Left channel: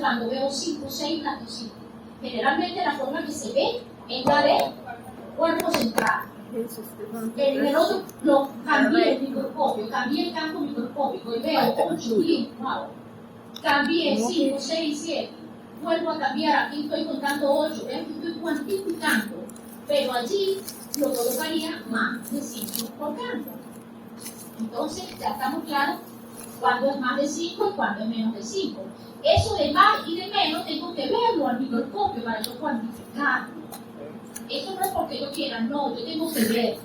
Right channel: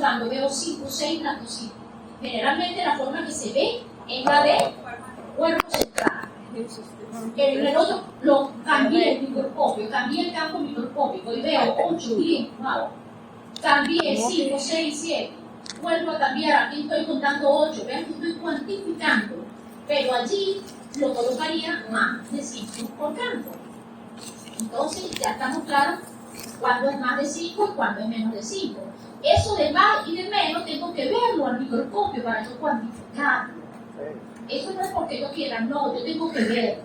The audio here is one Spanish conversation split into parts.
Cuando veo 5 o 6 blancocitos, generalmente la forma que se ve es la de cuerpo central. En el otro lo cambié el microscopio, cambié el campo microscópico y veo 8, 10, wow. Cambié 5, 6, 7. Vuelvo a cambiar, aquí estoy contando 8, vean que estoy cuantificando, pero allí lo colocaría más de 5 por campo. Entonces ya estamos claros cuándo es más de 5 y cuándo es menos de 5. Eso de más y de menos tengo que verlo al microscopio para yo cuantificarlo. Eso no es porque yo quiera, no, yo tengo que ver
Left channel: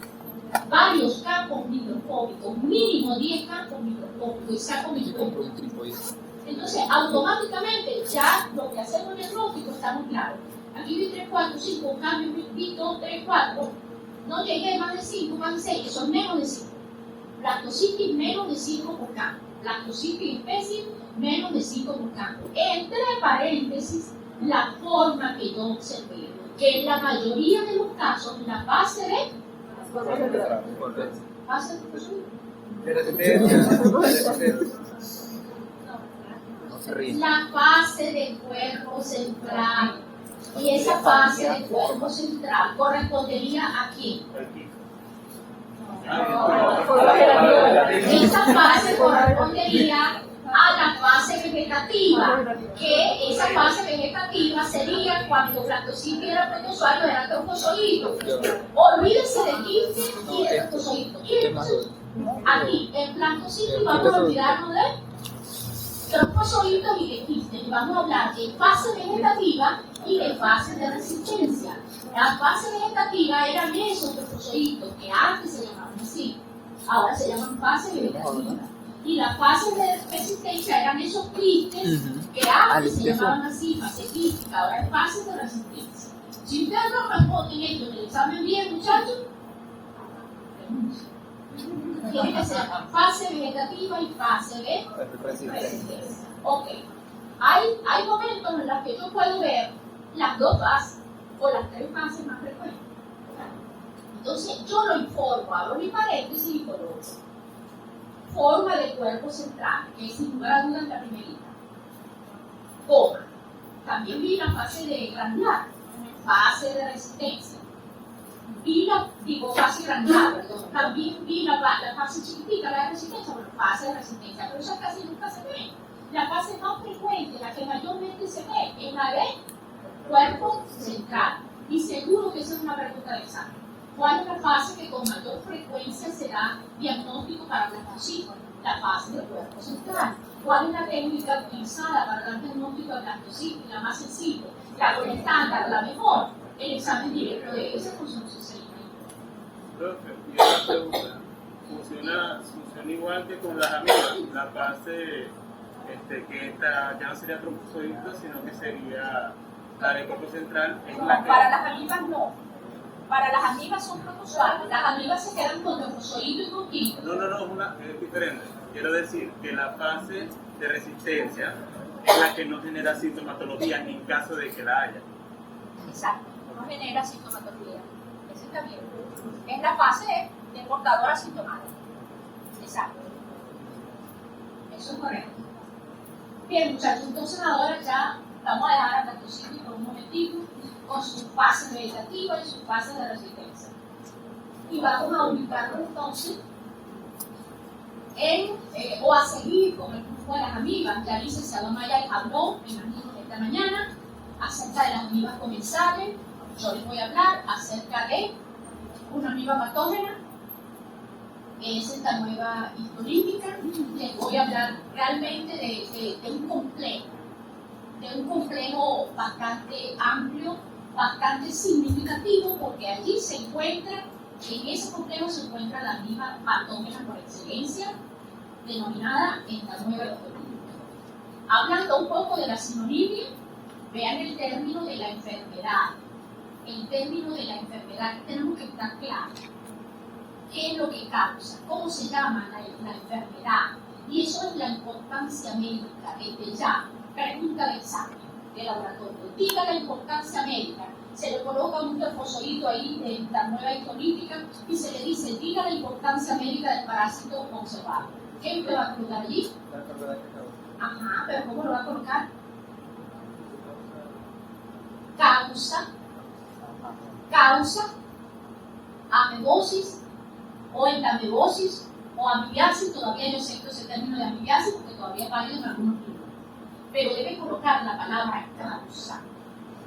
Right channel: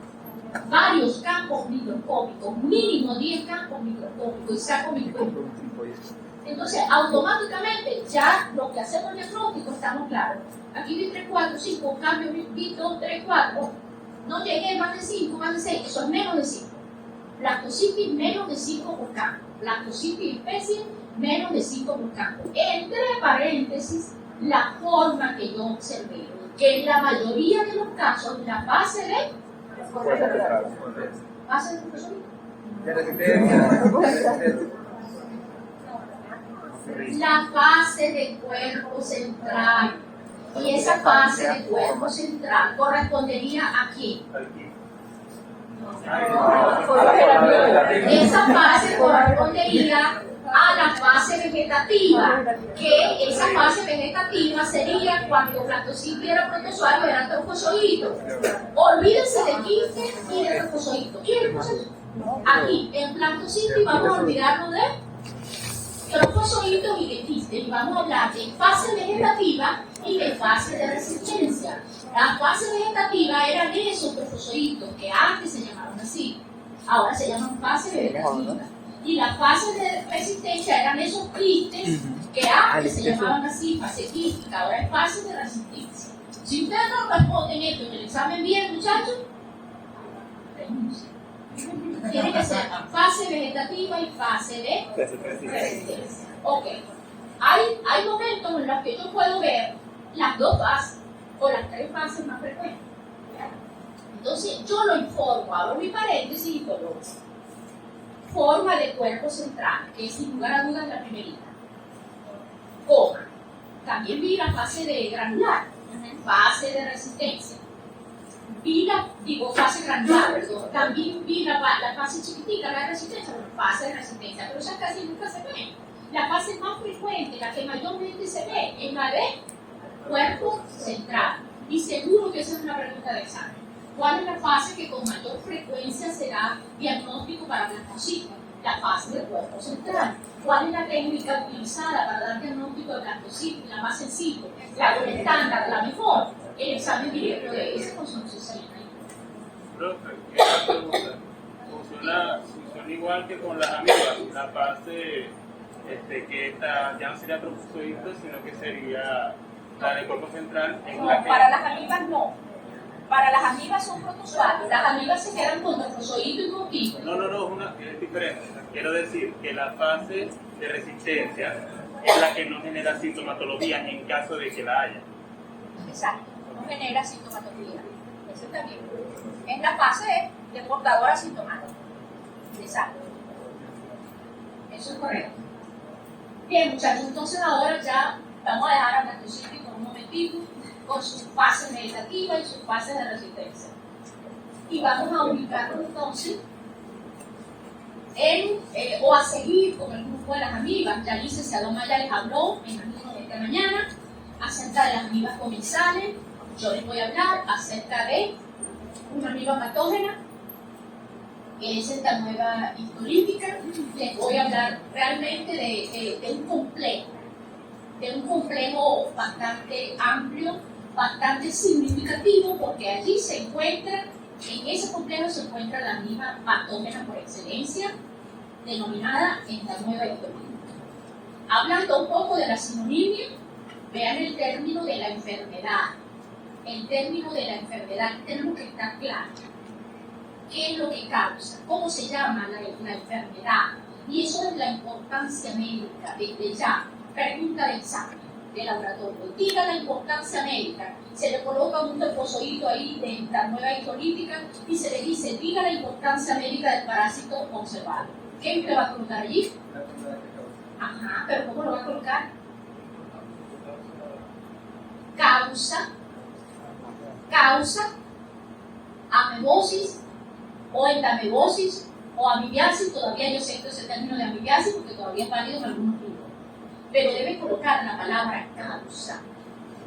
varios campos microscópicos, mínimo 10 campos microscópicos, y saco mis cómputos. Entonces, automáticamente, ya lo que hacemos en el diagnóstico estamos claros. Aquí vi 3, 4, 5, cambio, vi 2, 3, 4. No llegué más de 5, más de 6, eso es menos de 5. Blastocitis menos de 5 por campo. Blastocitis especie menos de 5 por campo. Entre paréntesis, la forma que yo observé, que en la mayoría de los casos, la fase de... ¿Fase de profesor? La fase de cuerpo central. Y esa fase de cuerpo central correspondería a quién? Esa fase correspondería a la fase vegetativa, que esa fase vegetativa sería cuando Blastocitis era protozoario, era troncozoito. Olvídense de quiste y de troncozoito. Aquí, en Blastocitis vamos a olvidarnos de troncozoitos y de quistes, y vamos a hablar de fase vegetativa y de fase de resistencia. La fase vegetativa eran esos troncozoitos que antes se llamaban así, ahora se llaman fase vegetativa. Y la fase de resistencia eran esos quistes que antes se llamaban así, fase quística, ahora es fase de resistencia. Si ustedes no responden esto en el examen bien, muchachos, renuncia. Tiene que ser fase vegetativa y fase de resistencia. Ok. Hay momentos en los que yo puedo ver las 2 fases o las 3 fases más frecuentes. Entonces yo lo informo, abro mi paréntesis y coloco forma de cuerpo central, que sin lugar a dudas la primerita. Coma. También vi la fase de granular, fase de resistencia. Fase granular, perdón. También vi la fase chiquitita, la de resistencia, bueno, fase de resistencia, pero esa casi nunca se ve. La fase más frecuente, la que mayormente se ve, es la de cuerpo central. Y seguro que esa es una pregunta de examen. ¿Cuál es la fase que con mayor frecuencia será diagnóstico para blastocitis? La fase del cuerpo central. ¿Cuál es la técnica utilizada para dar diagnóstico de blastocitis? La más sencilla, la estándar, la mejor. El examen directo de ese con su salina. Profe, y una pregunta. ¿Funciona igual que con las amibas? La fase que esta ya no sería troncozoito, sino que sería la del cuerpo central. No, para las amibas no. Para las amibas son protozoarios. Las amibas se quedan con troncozoito y con quiste. No, es diferente. Quiero decir que la fase de resistencia es la que no genera sintomatología ni en caso de que la haya. Exacto, no genera sintomatología. Eso está bien. Es la fase de portadora sintomática. Exacto. Eso es correcto. Bien, muchachos, entonces ahora ya vamos a dejar a Blastocitis por un momentito con sus fases vegetativas y sus fases de resistencia. Y vamos a ubicarnos entonces o a seguir con el grupo de las amibas. Ya el licenciado Maya les habló en el turno de esta mañana acerca de las amibas comensales. Yo les voy a hablar acerca de una amiba patógena, que es esta nueva histolítica. Les voy a hablar realmente de un complejo bastante amplio, bastante significativo, porque allí se encuentra, en ese complejo se encuentra la amiba patógena por excelencia, denominada esta nueva histolítica. Hablando un poco de la sinonimia, vean el término de la enfermedad. El término de la enfermedad tenemos que estar claros. ¿Qué es lo que causa? ¿Cómo se llama la enfermedad? Y eso es la importancia médica, desde ya. Pregunta de examen de laboratorio. Diga la importancia médica. Se le coloca un troncozoito ahí de esta nueva histolítica y se le dice, diga la importancia médica del parásito observado. ¿Qué usted va a colocar allí? Ajá, pero ¿cómo lo va a colocar? causa, amebosis o entamebosis o amibiasis. Todavía yo sé que ese término de amibiasis porque todavía es válido en algunos libros, pero debe colocar la palabra causa,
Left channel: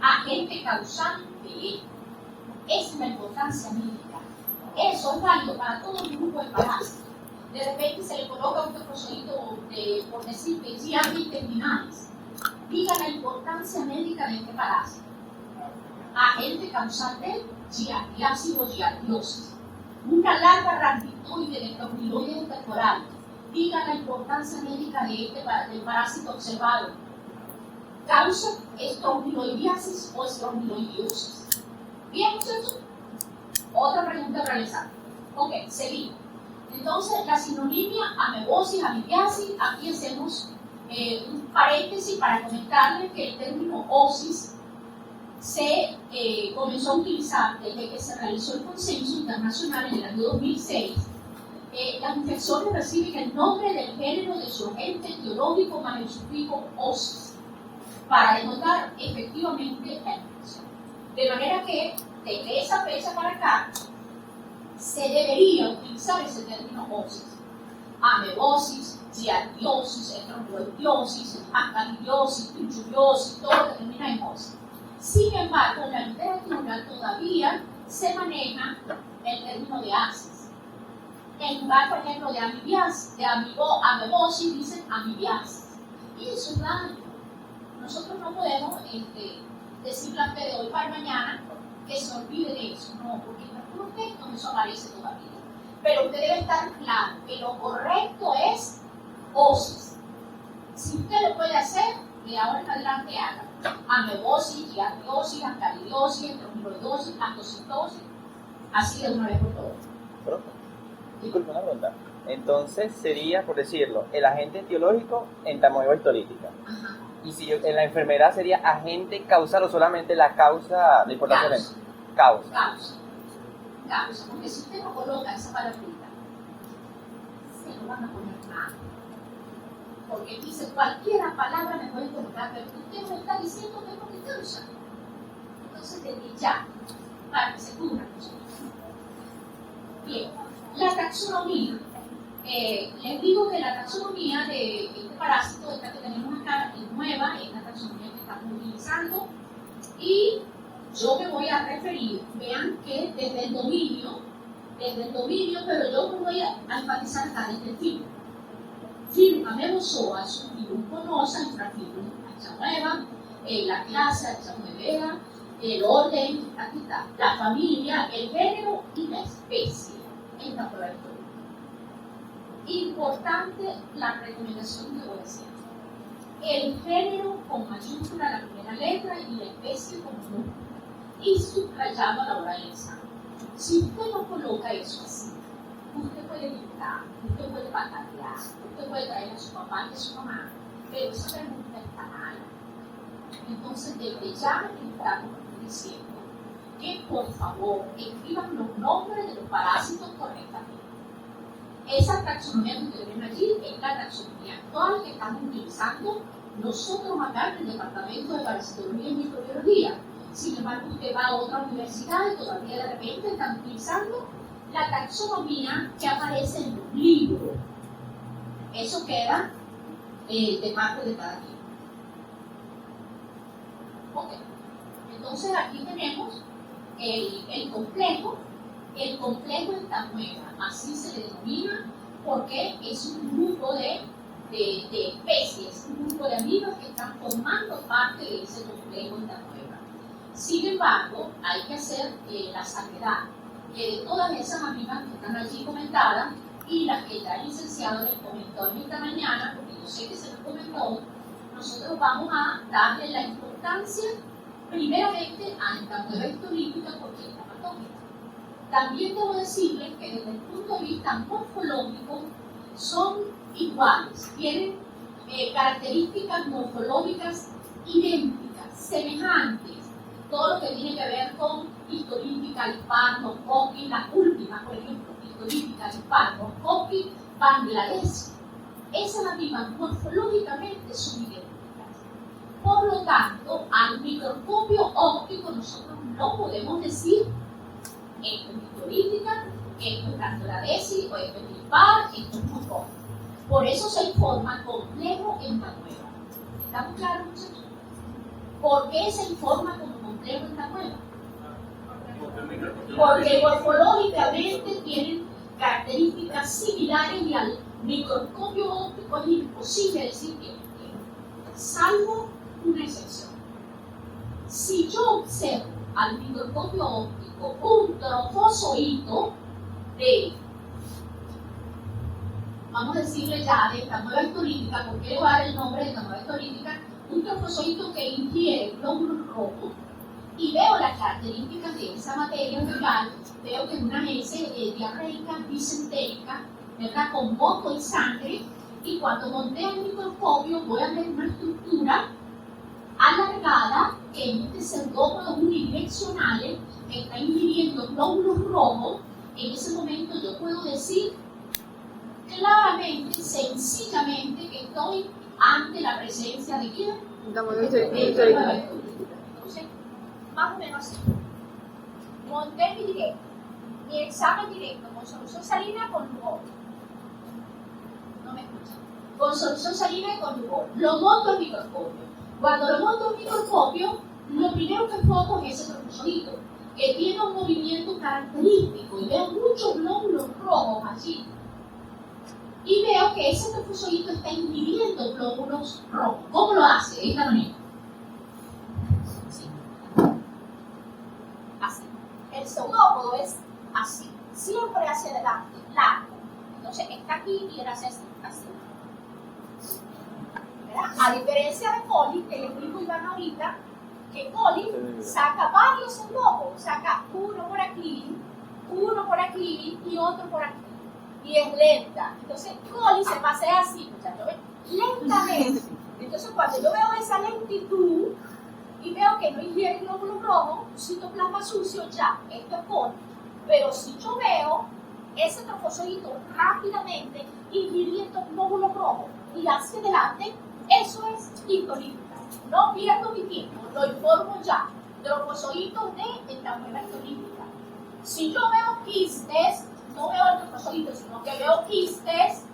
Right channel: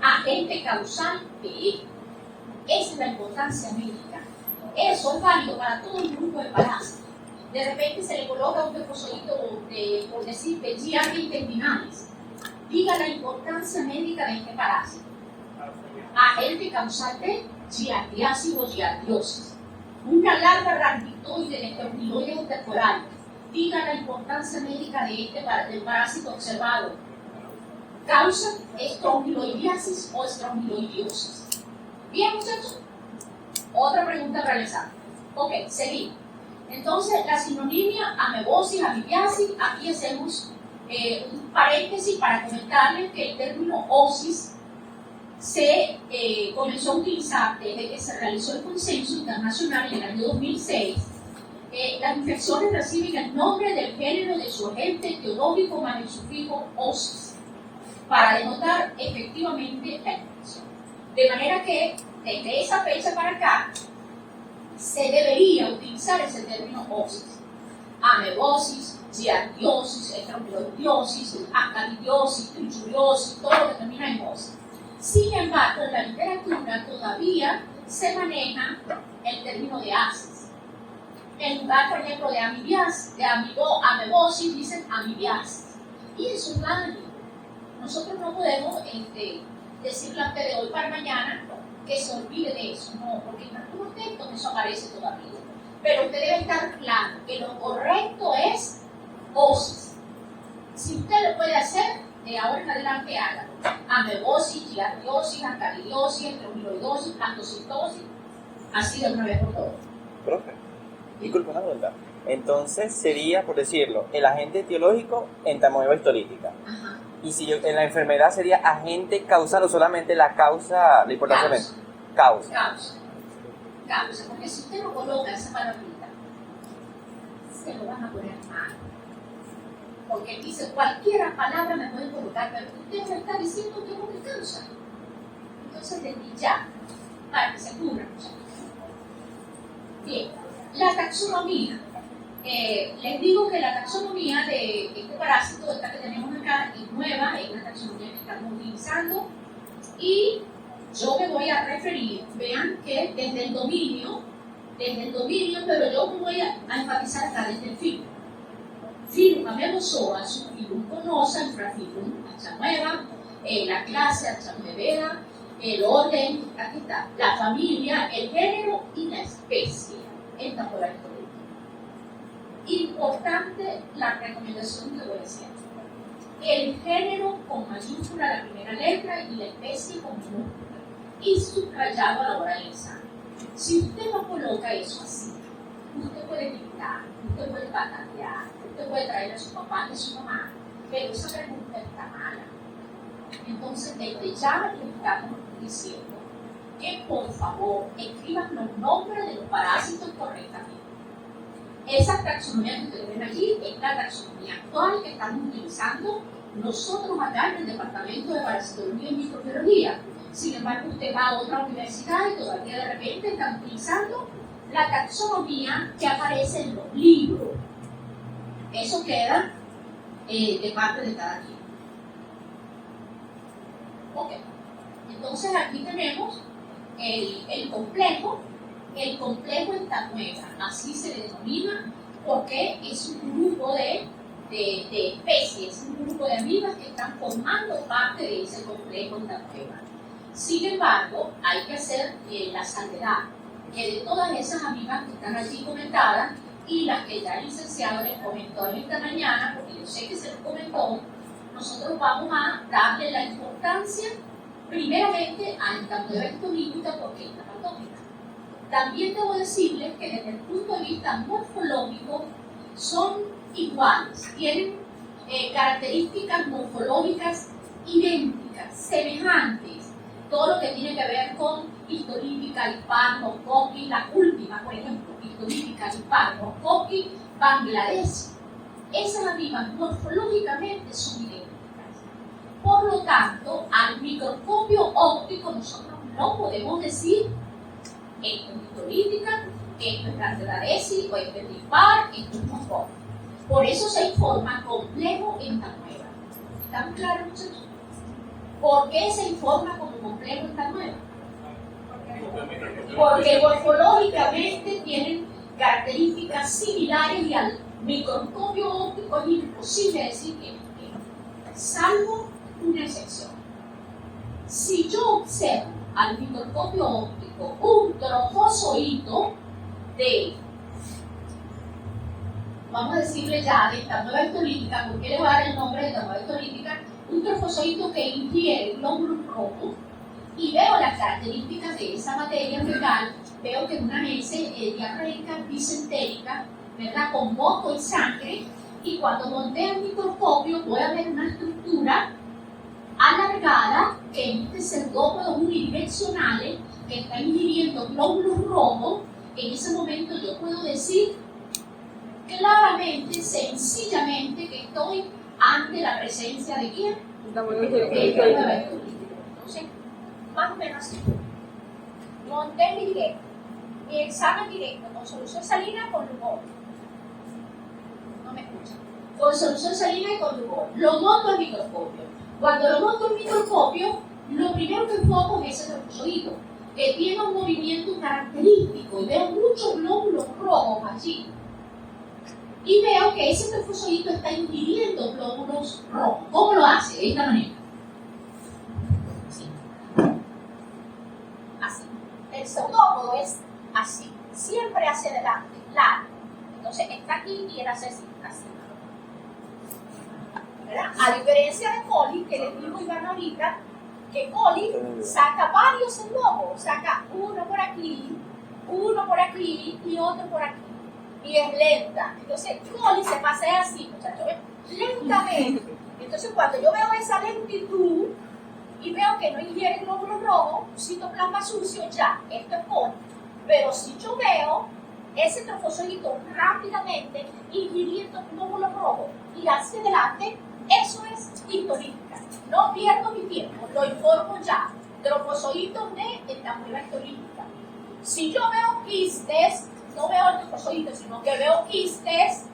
agente causal de. Esa es la importancia médica. Eso es válido para todo el grupo de parásitos. De repente se le coloca un reposoíto de, por decir, de Giardia intestinalis. Diga la importancia médica de este parásito. Agente causal de giardiasis o giardiosis. Una larva rhabditoide de estrongiloides intercorales. Diga la importancia médica de del parásito observado. Causa estrongiloidiasis o estrongiloidiosis. Bien, muchachos. Otra pregunta a realizar. Ok, seguimos. Entonces, la sinonimia, amebosis, amibiasis, aquí hacemos un paréntesis para comentarles que el término osis se comenzó a utilizar desde que se realizó el consenso internacional en el año 2006. Las infecciones reciben el nombre del género de su agente etiológico más el sufijo osis para denotar efectivamente la infección. De manera que, desde esa fecha para acá, se debería utilizar ese término osis. Amebosis, giardiosis, estrongiloidiosis, ascaridosis, trichuriosis, todo lo que termina en osis. Sin embargo, en la literatura todavía se maneja el término de asis. En lugar, por ejemplo, de amibiasis, de amebosis, dicen amibiasis. Y eso es válido. Nosotros no podemos decirle a usted de hoy para mañana que se olvide de eso, no, porque en algunos textos eso aparece todavía. Pero usted debe estar claro que lo correcto es osis. Si usted lo puede hacer, de ahora en adelante haga. Amebosis, giardiosis, ascaridiosis, estrongiloidosis, astocitosis, así de una vez por todas. Profe, disculpe una pregunta. Entonces sería, por decirlo, el agente etiológico entamoeba histolítica. Ajá. Y si en la enfermedad sería agente causal o solamente la causa, la importancia Causa. Causa, porque si usted no coloca esa palabrita, se lo van a poner mal. Porque dice cualquier palabra me puede colocar, pero usted me está diciendo que es lo que causa. Entonces, desde ya, para que se cubra. Bien, la taxonomía. Les digo que la taxonomía de este parásito, esta que tenemos acá, es nueva, es una taxonomía que estamos utilizando y yo me voy a referir, vean que desde el dominio, pero yo me voy a enfatizar acá desde el filo. Filum Amebozoa, subfilum Conosa, infrafilum Axanoeva, la clase Axanoevera, el orden, aquí está, la familia, el género y la especie. Esta fue la historia. Importante la recomendación que voy a hacer. El género con mayúscula la primera letra y la especie con minúscula. Y subrayado a la hora del examen. Si usted no coloca eso así, usted puede gritar, usted puede patatear, usted puede traer a su papá y a su mamá, pero esa pregunta está mala. Entonces, desde ya le estamos diciendo que por favor escriban los nombres de los parásitos correctamente. Esa taxonomía que ustedes ven allí es la taxonomía actual que estamos utilizando nosotros acá en el Departamento de Parasitología y Microbiología. Sin embargo, usted va a otra universidad y todavía de repente están utilizando la taxonomía que aparece en los libros. Eso queda de parte de cada quien. Ok. Entonces aquí tenemos el complejo entamoeba, así se le denomina porque es un grupo de especies, un grupo de amibas que están formando parte de ese complejo entamoeba. Sin embargo, hay que hacer la salvedad que de todas esas amibas que están allí comentadas y las que ya el licenciado les comentó en esta mañana, porque yo sé que se los comentó, nosotros vamos a darle la importancia primeramente a entamoeba histolítica porque es la patógena. También debo decirles que desde el punto de vista morfológico son iguales, tienen características morfológicas idénticas, semejantes, todo lo que tiene que ver con histolítica, Hispano-Coqui, la última, por ejemplo, histolítica, Hispano-Coqui, Bangladesh. Esas mismas morfológicamente son idénticas. Por lo tanto, al microscopio óptico nosotros no podemos decir esto es histolítica, esto es Bangladeshi, o esto es dispar, esto es Mongol. Por eso se informa complejo en Tamueva. ¿Estamos claros, muchachos? ¿Por qué se informa como complejo en Tamueva? Porque morfológicamente tienen características similares y al microscopio óptico es imposible decir que salvo una excepción. Si yo observo al microscopio óptico un trofozoito de, vamos a decirle ya, de Tamueva histolítica, ¿por qué le voy a dar el nombre de Tamueva histolítica? Un trofozoito que ingiere glóbulos rojos, y veo las características de esa materia fecal, veo que es una heces diarreica bisentérica, ¿verdad? Con moco y sangre, y cuando monteo el microscopio voy a ver una estructura alargada que emite sergópodos unidireccionales que está ingiriendo glóbulos rojos. En ese momento yo puedo decir claramente, sencillamente, que estoy ante la presencia de ¿quién? Entonces, más o menos así. Monté mi examen directo con solución salina con Lugol. No me escuchan. Con solución salina y con Lugol. Lo monto al microscopio. Cuando lo monto al microscopio, lo primero que enfoco es ese trofozoito, que tiene un movimiento característico y veo muchos glóbulos rojos allí. Y veo que ese trofozoito está ingiriendo glóbulos rojos. ¿Cómo lo hace? De esta manera. Así. El pseudópodo es así, siempre hacia adelante, largo. Entonces está aquí y él hace así. ¿Verdad? A diferencia de Coli, que les dijo Iván ahorita, que Coli saca varios pseudópodos, saca uno por aquí y otro por aquí. Y es lenta. Entonces Coli se pasea así, muchachos, ¿ven? Lentamente. Entonces cuando yo veo esa lentitud y veo que no ingiere glóbulos rojos, citoplasma sucio, ya, esto es Coli. Pero si yo veo ese trofozoito rápidamente ingiriendo glóbulos rojos y hacia adelante, eso es histolítica. No pierdo mi tiempo, lo informo ya. Trofozoitos de Tamueva histolítica. Si yo veo quistes, no veo el trofozoito, sino que veo quistes,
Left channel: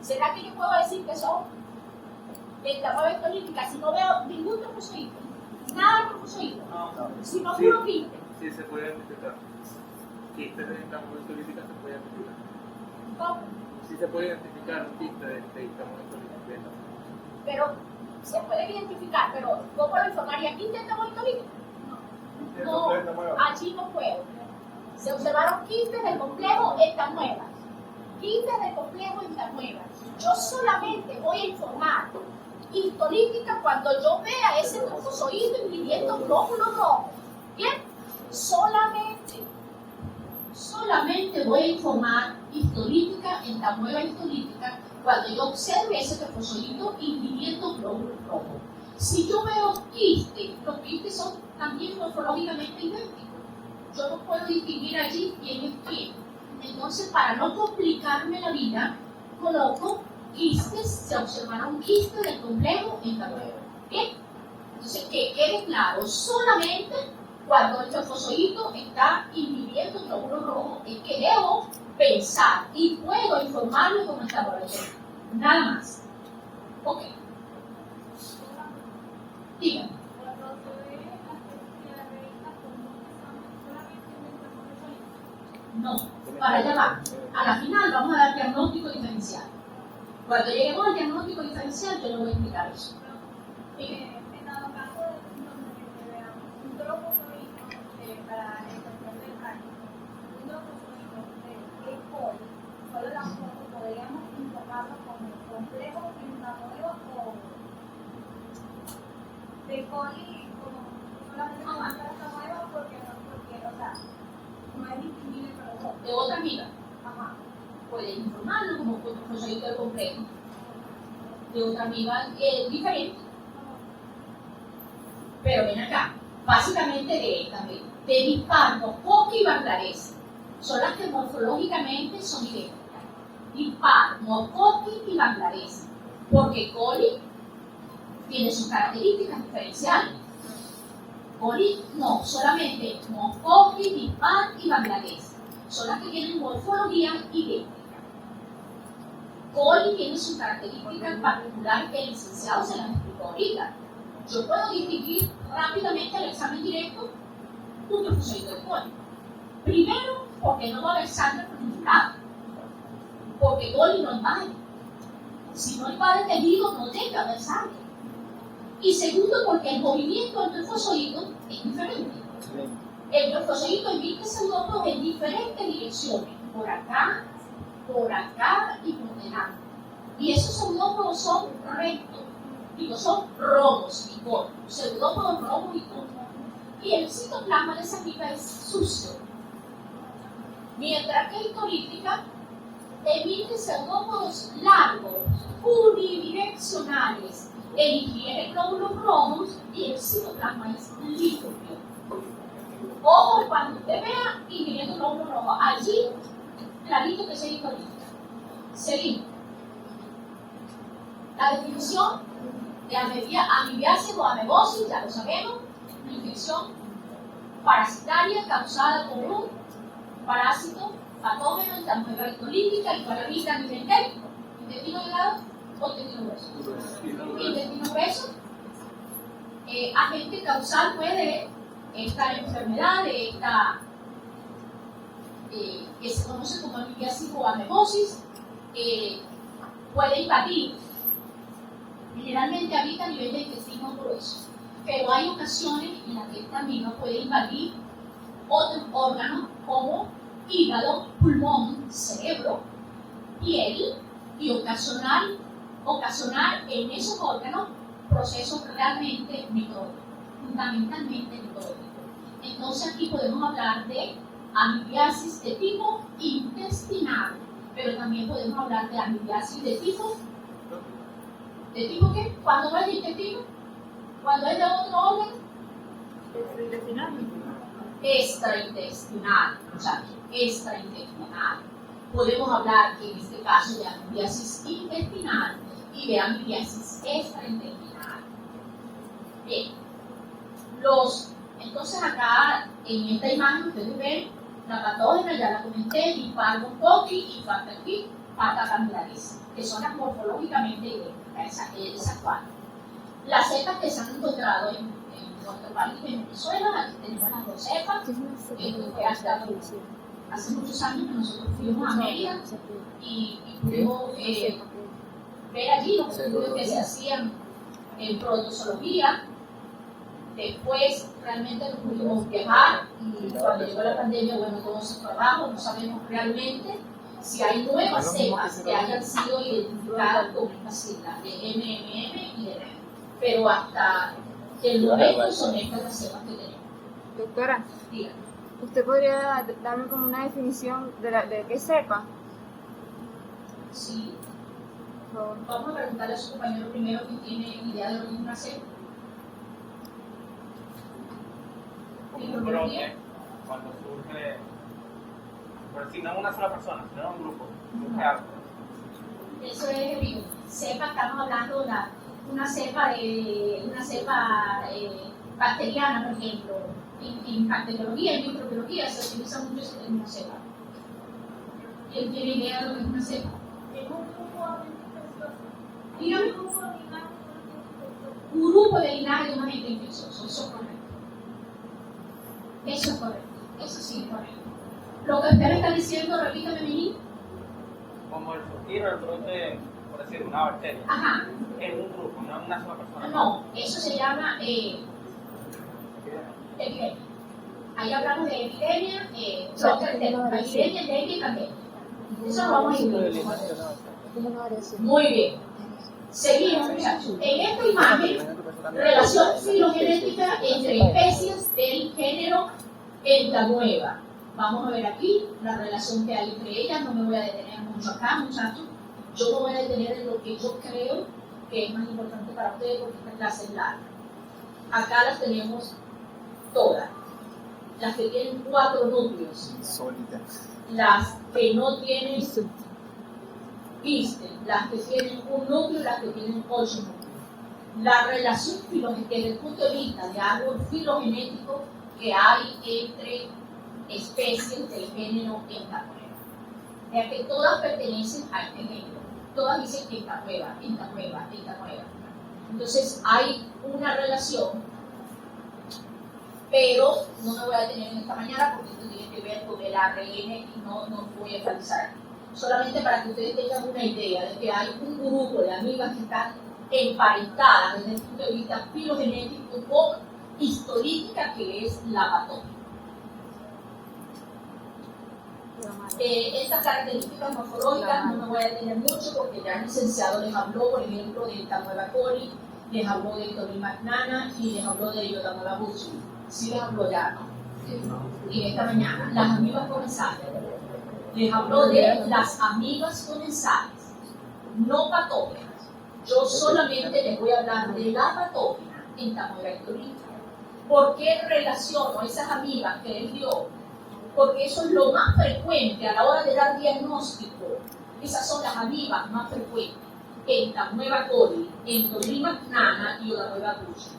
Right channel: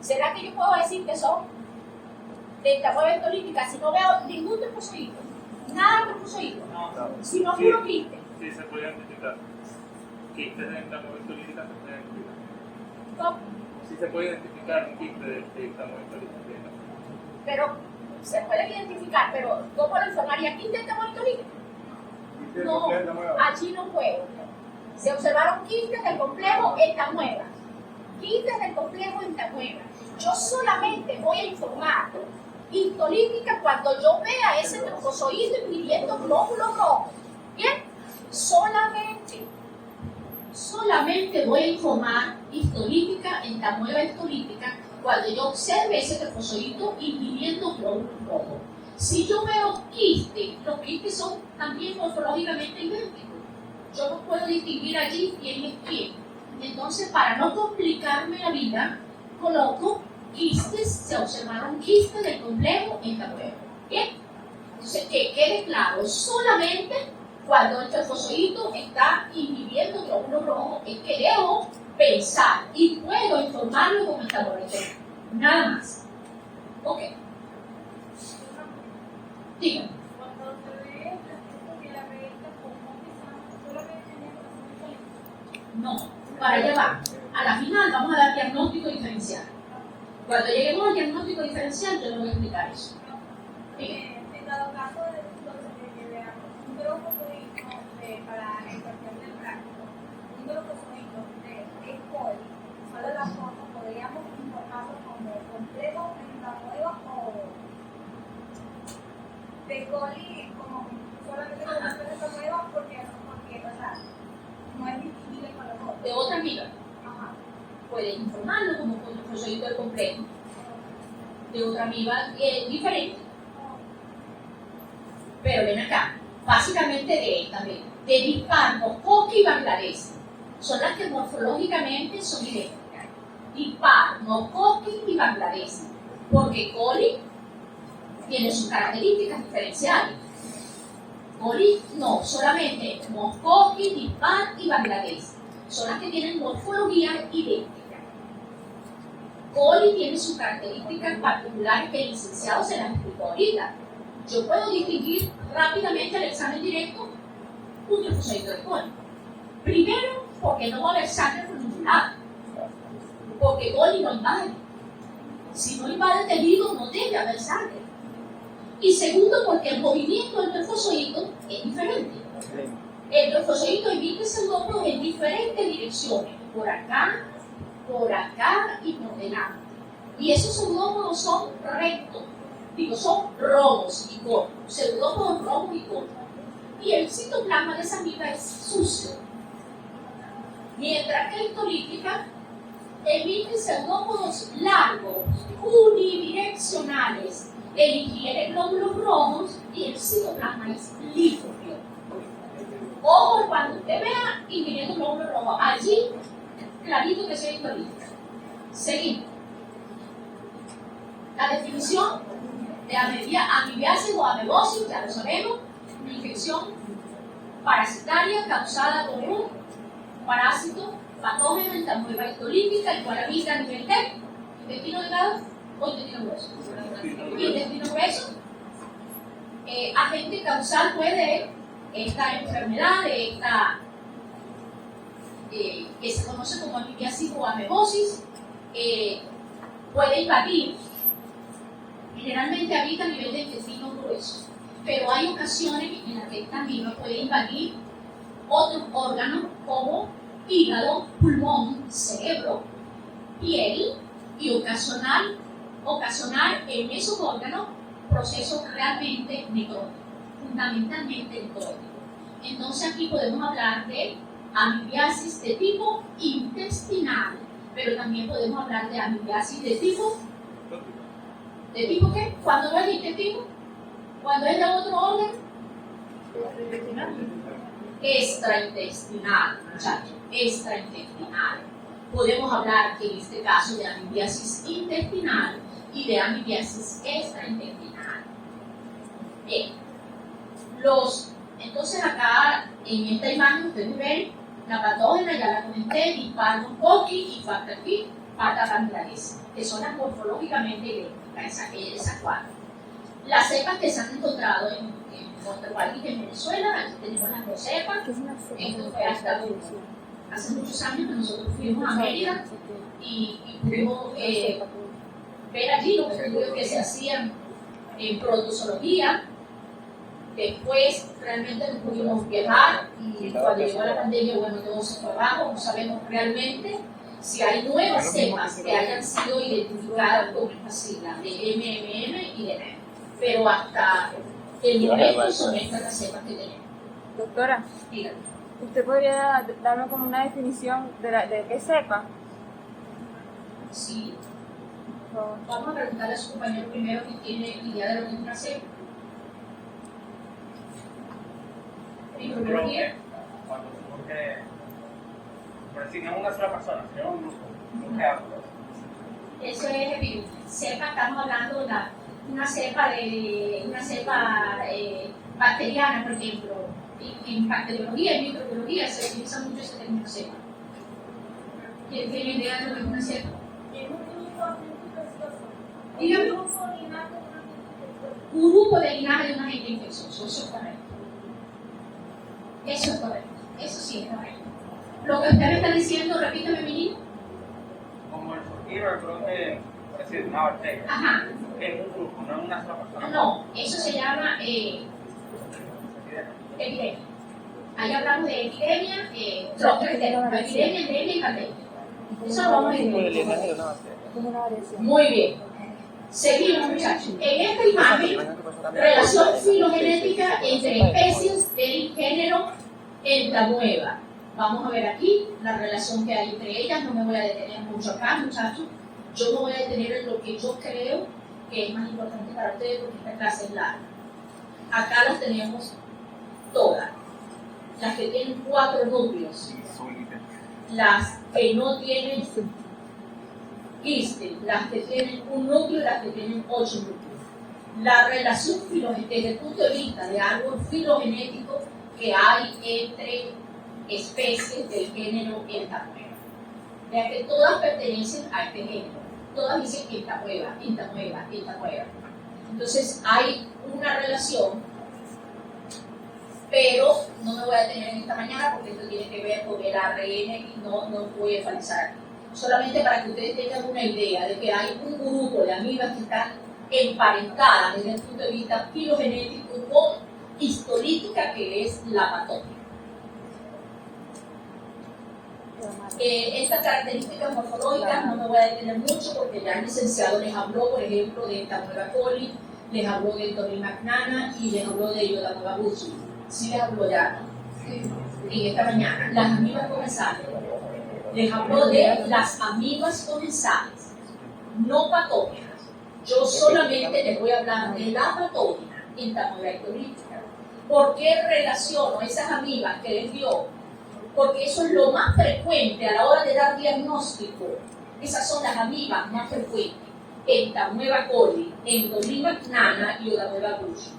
¿será que yo puedo decir que son de Tamueva histolítica si no veo ningún trofozoito? Nada de trofozoito, sino Sí, puro quiste. sí, se puede identificar. Quistes de Tamueva histolítica se puede identificar. ¿Cómo? Sí se puede identificar un quiste de Tamueva histolítica. Pero se puede identificar, pero ¿cómo lo informaría? ¿Quiste de Tamueva histolítica? No, allí no puedo. Se observaron quistes del complejo en Tamueva. Quistes del complejo en Tamueva. Yo solamente voy a informar histolítica cuando yo vea ese trofozoito ingiriendo glóbulos rojos. ¿Bien? Solamente voy a informar histolítica en Tamueva histolítica cuando yo observe ese trofozoito ingiriendo glóbulos rojos. Si yo veo quistes, los quistes son también morfológicamente idénticos. Yo no puedo distinguir allí quién es quién. Entonces, para no complicarme la vida, coloco quistes, se observaron quistes del complejo en Tamueva. ¿Bien? Entonces, que quede claro, solamente cuando el trofozoito está inhibiendo glóbulos rojos es que debo pensar y puedo informarlo como está por hecho. Nada más. Ok. Dígame. No, para allá va. A la final vamos a dar diagnóstico diferencial. Cuando lleguemos al diagnóstico diferencial, yo le voy a explicar eso. En dado caso de que veamos un trofozoito para en cuestión del práctico, un trofozoito de E. coli, solo la foto podríamos informarlo como complejo en Tamueva o de coli como solamente como en Tamueva porque, o sea, no es distinguible con los otros. De otra amiga, Ajá. puedes informarlo como trofozoito del complejo. De otra amiga diferente. Pero ven acá, básicamente de esta vez, de Dispar, Coqui y Bangladesh, son las que morfológicamente son idénticas. Dispar, Coqui y Bangladesh, porque coli tiene sus características diferenciales. Coli no, solamente Moscovy, Nepal y Bangladesh. Son las que tienen morfología idéntica. Coli tiene sus características particulares que el licenciado se las explicó ahorita. Yo puedo distinguir rápidamente al examen directo un trofozoito de coli. Primero, porque no va a haber sangre por ningún lado. Porque coli no invade. Si no invade el tejido, no debe haber sangre. Y segundo, porque el movimiento del trofozoito es diferente. El trofozoito emite pseudópodos en diferentes direcciones, por acá y por delante. Y esos pseudópodos son rectos, son rojos y cortos, pseudópodos rojos y cortos. Y el citoplasma de esa amiga es sucio. Mientras que histolítica emite pseudópodos largos, unidireccionales, emitir glóbulos rojos y el citoplasma es líquido. Ojo cuando usted vea ingiriendo glóbulos rojos, allí clarito que sea histolítica. Seguimos. La definición de amibiasis o amebosis, ya lo sabemos, una infección parasitaria causada por un parásito patógeno en la amoeba histolítica, el cual habita a nivel de intestino delgado o intestino grueso. Intestino grueso, agente causal puede esta enfermedad, que se conoce como amibiasis o amebosis, puede invadir. Generalmente habita a nivel de intestino grueso, pero hay ocasiones en las que esta amiba puede invadir otros órganos como hígado, pulmón, cerebro, piel y ocasionar en esos órganos procesos realmente necróticos, fundamentalmente necróticos. Entonces aquí podemos hablar de amibiasis de tipo intestinal, pero también podemos hablar de amibiasis de tipo ¿qué? ¿Cuándo no es de intestino? ¿Cuándo es de otro órgano? Extraintestinal, muchachos, extraintestinal. Podemos hablar en este caso de amibiasis intestinal y de amibiasis extraintestinal. Bien, entonces acá en esta imagen ustedes ven la patógena, ya la comenté, Moscovy y Pata Bangladesh, que son las morfológicamente idénticas, esas cuatro. Las cepas que se han encontrado en nuestro país, en Venezuela, aquí tenemos las dos cepas. Esto fue hasta hace muchos años que nosotros fuimos a Mérida y pudimos ver allí los estudios que se hacían en protozoología. Después realmente no pudimos viajar y cuando llegó la pandemia, bueno, todo se fue abajo. No sabemos realmente si hay nuevas cepas que hayan sido identificadas con estas siglas de MMM y de NEM. Pero hasta el momento son estas las cepas que tenemos. Doctora, Dígame. ¿usted podría darme como una definición de qué cepa? Sí. Vamos a preguntarle a su compañero primero que tiene idea de lo que es una cepa. Creo que cuando surge, por decir, no una sola persona, sino un grupo, surge algo. Eso es cepa, estamos hablando de una cepa bacteriana, por ejemplo. En bacteriología, en microbiología se utiliza mucho ese término cepa. ¿Quién tiene idea de lo que es una cepa? Dígame. Un grupo de linaje de un agente infeccioso, eso es correcto. Eso es correcto, eso sí es correcto. Lo que usted me está diciendo, repítame, mi niño. Como el surgir o el brote, por decir, una bacteria. Ajá. En un grupo, no en una sola persona. No, eso se llama epidemia. Ahí hablamos de epidemia, endemia y pandemia. Eso lo vamos a decir. Muy bien. Seguimos, muchachos. En esta imagen, relación filogenética entre especies del género Entamoeba. Vamos a ver aquí la relación que hay entre ellas. No me voy a detener mucho acá, muchachos. Yo me voy a detener en lo que yo creo que es más importante para ustedes porque esta clase es larga. Acá las tenemos todas. Las que tienen 4 núcleos. Las que no tienen quiste, las que tienen un núcleo y las que tienen 8 núcleos. la relación desde el punto de vista de árbol filogenético que hay entre especies del género Entamueva. Ya que todas pertenecen a este género, todas dicen Entamueva, Entamueva, Entamueva. Entonces hay una relación, pero no me voy a detener en esta mañana porque esto tiene que ver con el ARN y no voy a enfatizar aquí. Solamente para que ustedes tengan una idea de que hay un grupo de amibas que están emparentadas desde el punto de vista filogenético con histolítica, que es la patógena. Estas características morfológicas no me voy a detener mucho porque ya el licenciado les habló, por ejemplo, de Entamueva coli, les habló de Endorima magnana y les habló de Iodamueva busui. Sí les habló ya, ¿no? En esta mañana. Las amibas comensales. Les habló de las amibas comensales, no patógenas. Yo solamente les voy a hablar de la patógena Entamueva ectolítica. ¿Por qué relaciono esas amibas que les dio? Porque eso es lo más frecuente a la hora de dar diagnóstico. Esas son las amibas más frecuentes. Entamueva coli, Endorima magnana y Iodamueva busui.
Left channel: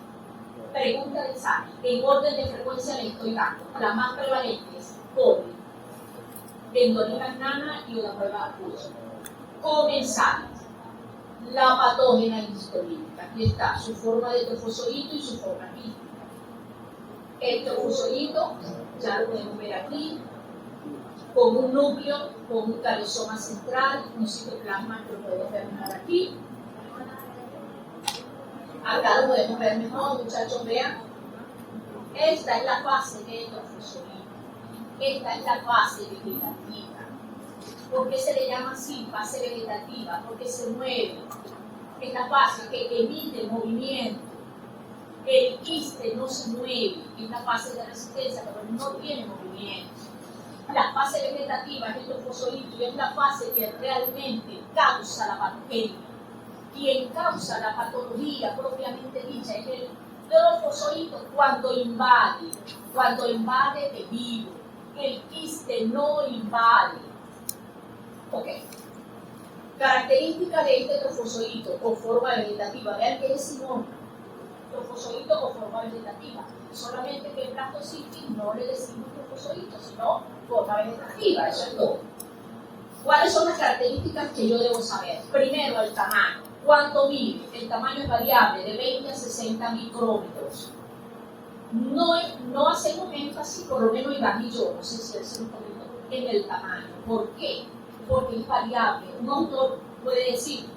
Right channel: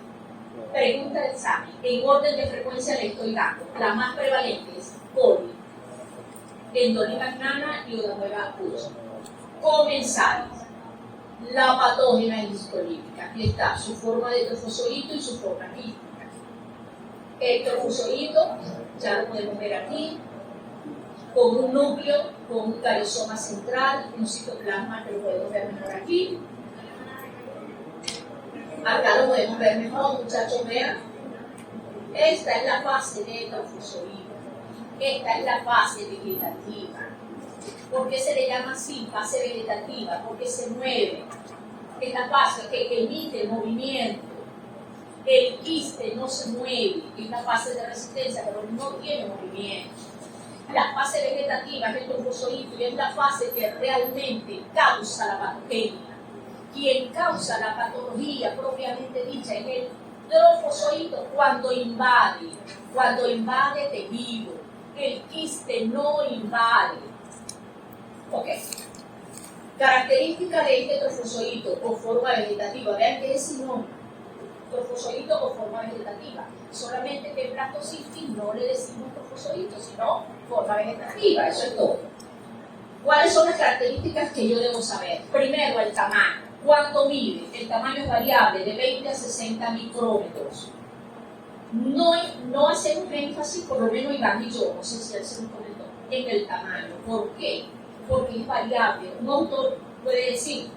Pregunta del examen. En orden de frecuencia le estoy dando. La más prevalente es coli, Endorima magnana y Iodamueva busui. Comensales. La patógena histolítica. Aquí está su forma de trofozoito y su forma quística. El trofozoito, ya lo podemos ver aquí, con un núcleo, con un cariosoma central, un citoplasma que lo podemos ver mejor aquí. Acá lo podemos ver mejor, muchachos, vean. Esta es la fase de trofozoito. Esta es la fase vegetativa. ¿Por qué se le llama así, fase vegetativa? Porque se mueve. Es la fase que emite movimiento. El quiste no se mueve, es la fase de resistencia, pero no tiene movimiento. La fase vegetativa es el trofozoito y es la fase que realmente causa la patogenia. Quien causa la patología propiamente dicha es el trofozoito cuando invade tejido. El quiste no invade. Ok. Característica de este trofozoito o forma vegetativa, vean que es sinónimo. Trofozoito o forma vegetativa. Solamente que en Blastocystis no le decimos trofozoito, sino forma vegetativa, eso es todo. ¿Cuáles son las características que yo debo saber? Primero, el tamaño. ¿Cuánto mide? El tamaño es variable, de 20 a 60 micrómetros. No hacemos énfasis, por lo menos Iván y yo, no sé si él se nos comentó, en el tamaño. ¿Por qué? Porque es variable. Un autor puede decir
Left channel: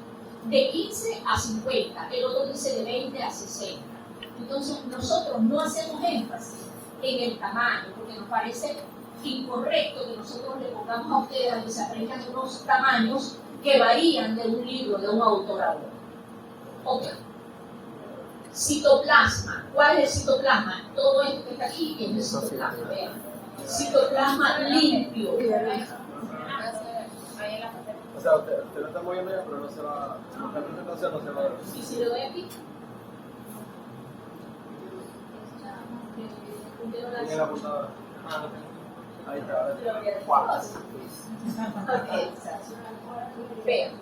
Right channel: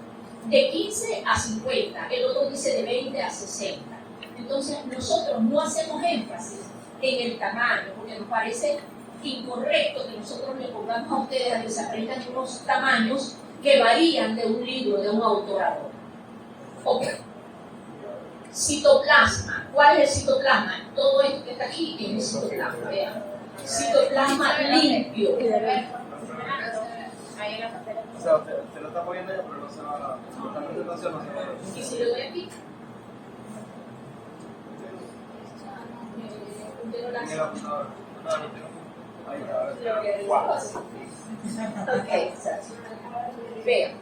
de 15 a 50, el otro dice de 20 a 60. Entonces nosotros no hacemos énfasis en el tamaño porque nos parece incorrecto que nosotros le pongamos a ustedes a que se aprendan unos tamaños que varían de un libro, de un autor a otro. Ok. Citoplasma. ¿Cuál es el citoplasma? Todo esto que está aquí es el citoplasma. Vean. Citoplasma limpio. O sea, usted lo está moviendo ya, pero no se va. No se va. ¿Y si le doy aquí? En la computadora. Ahí está. Ok. Vean.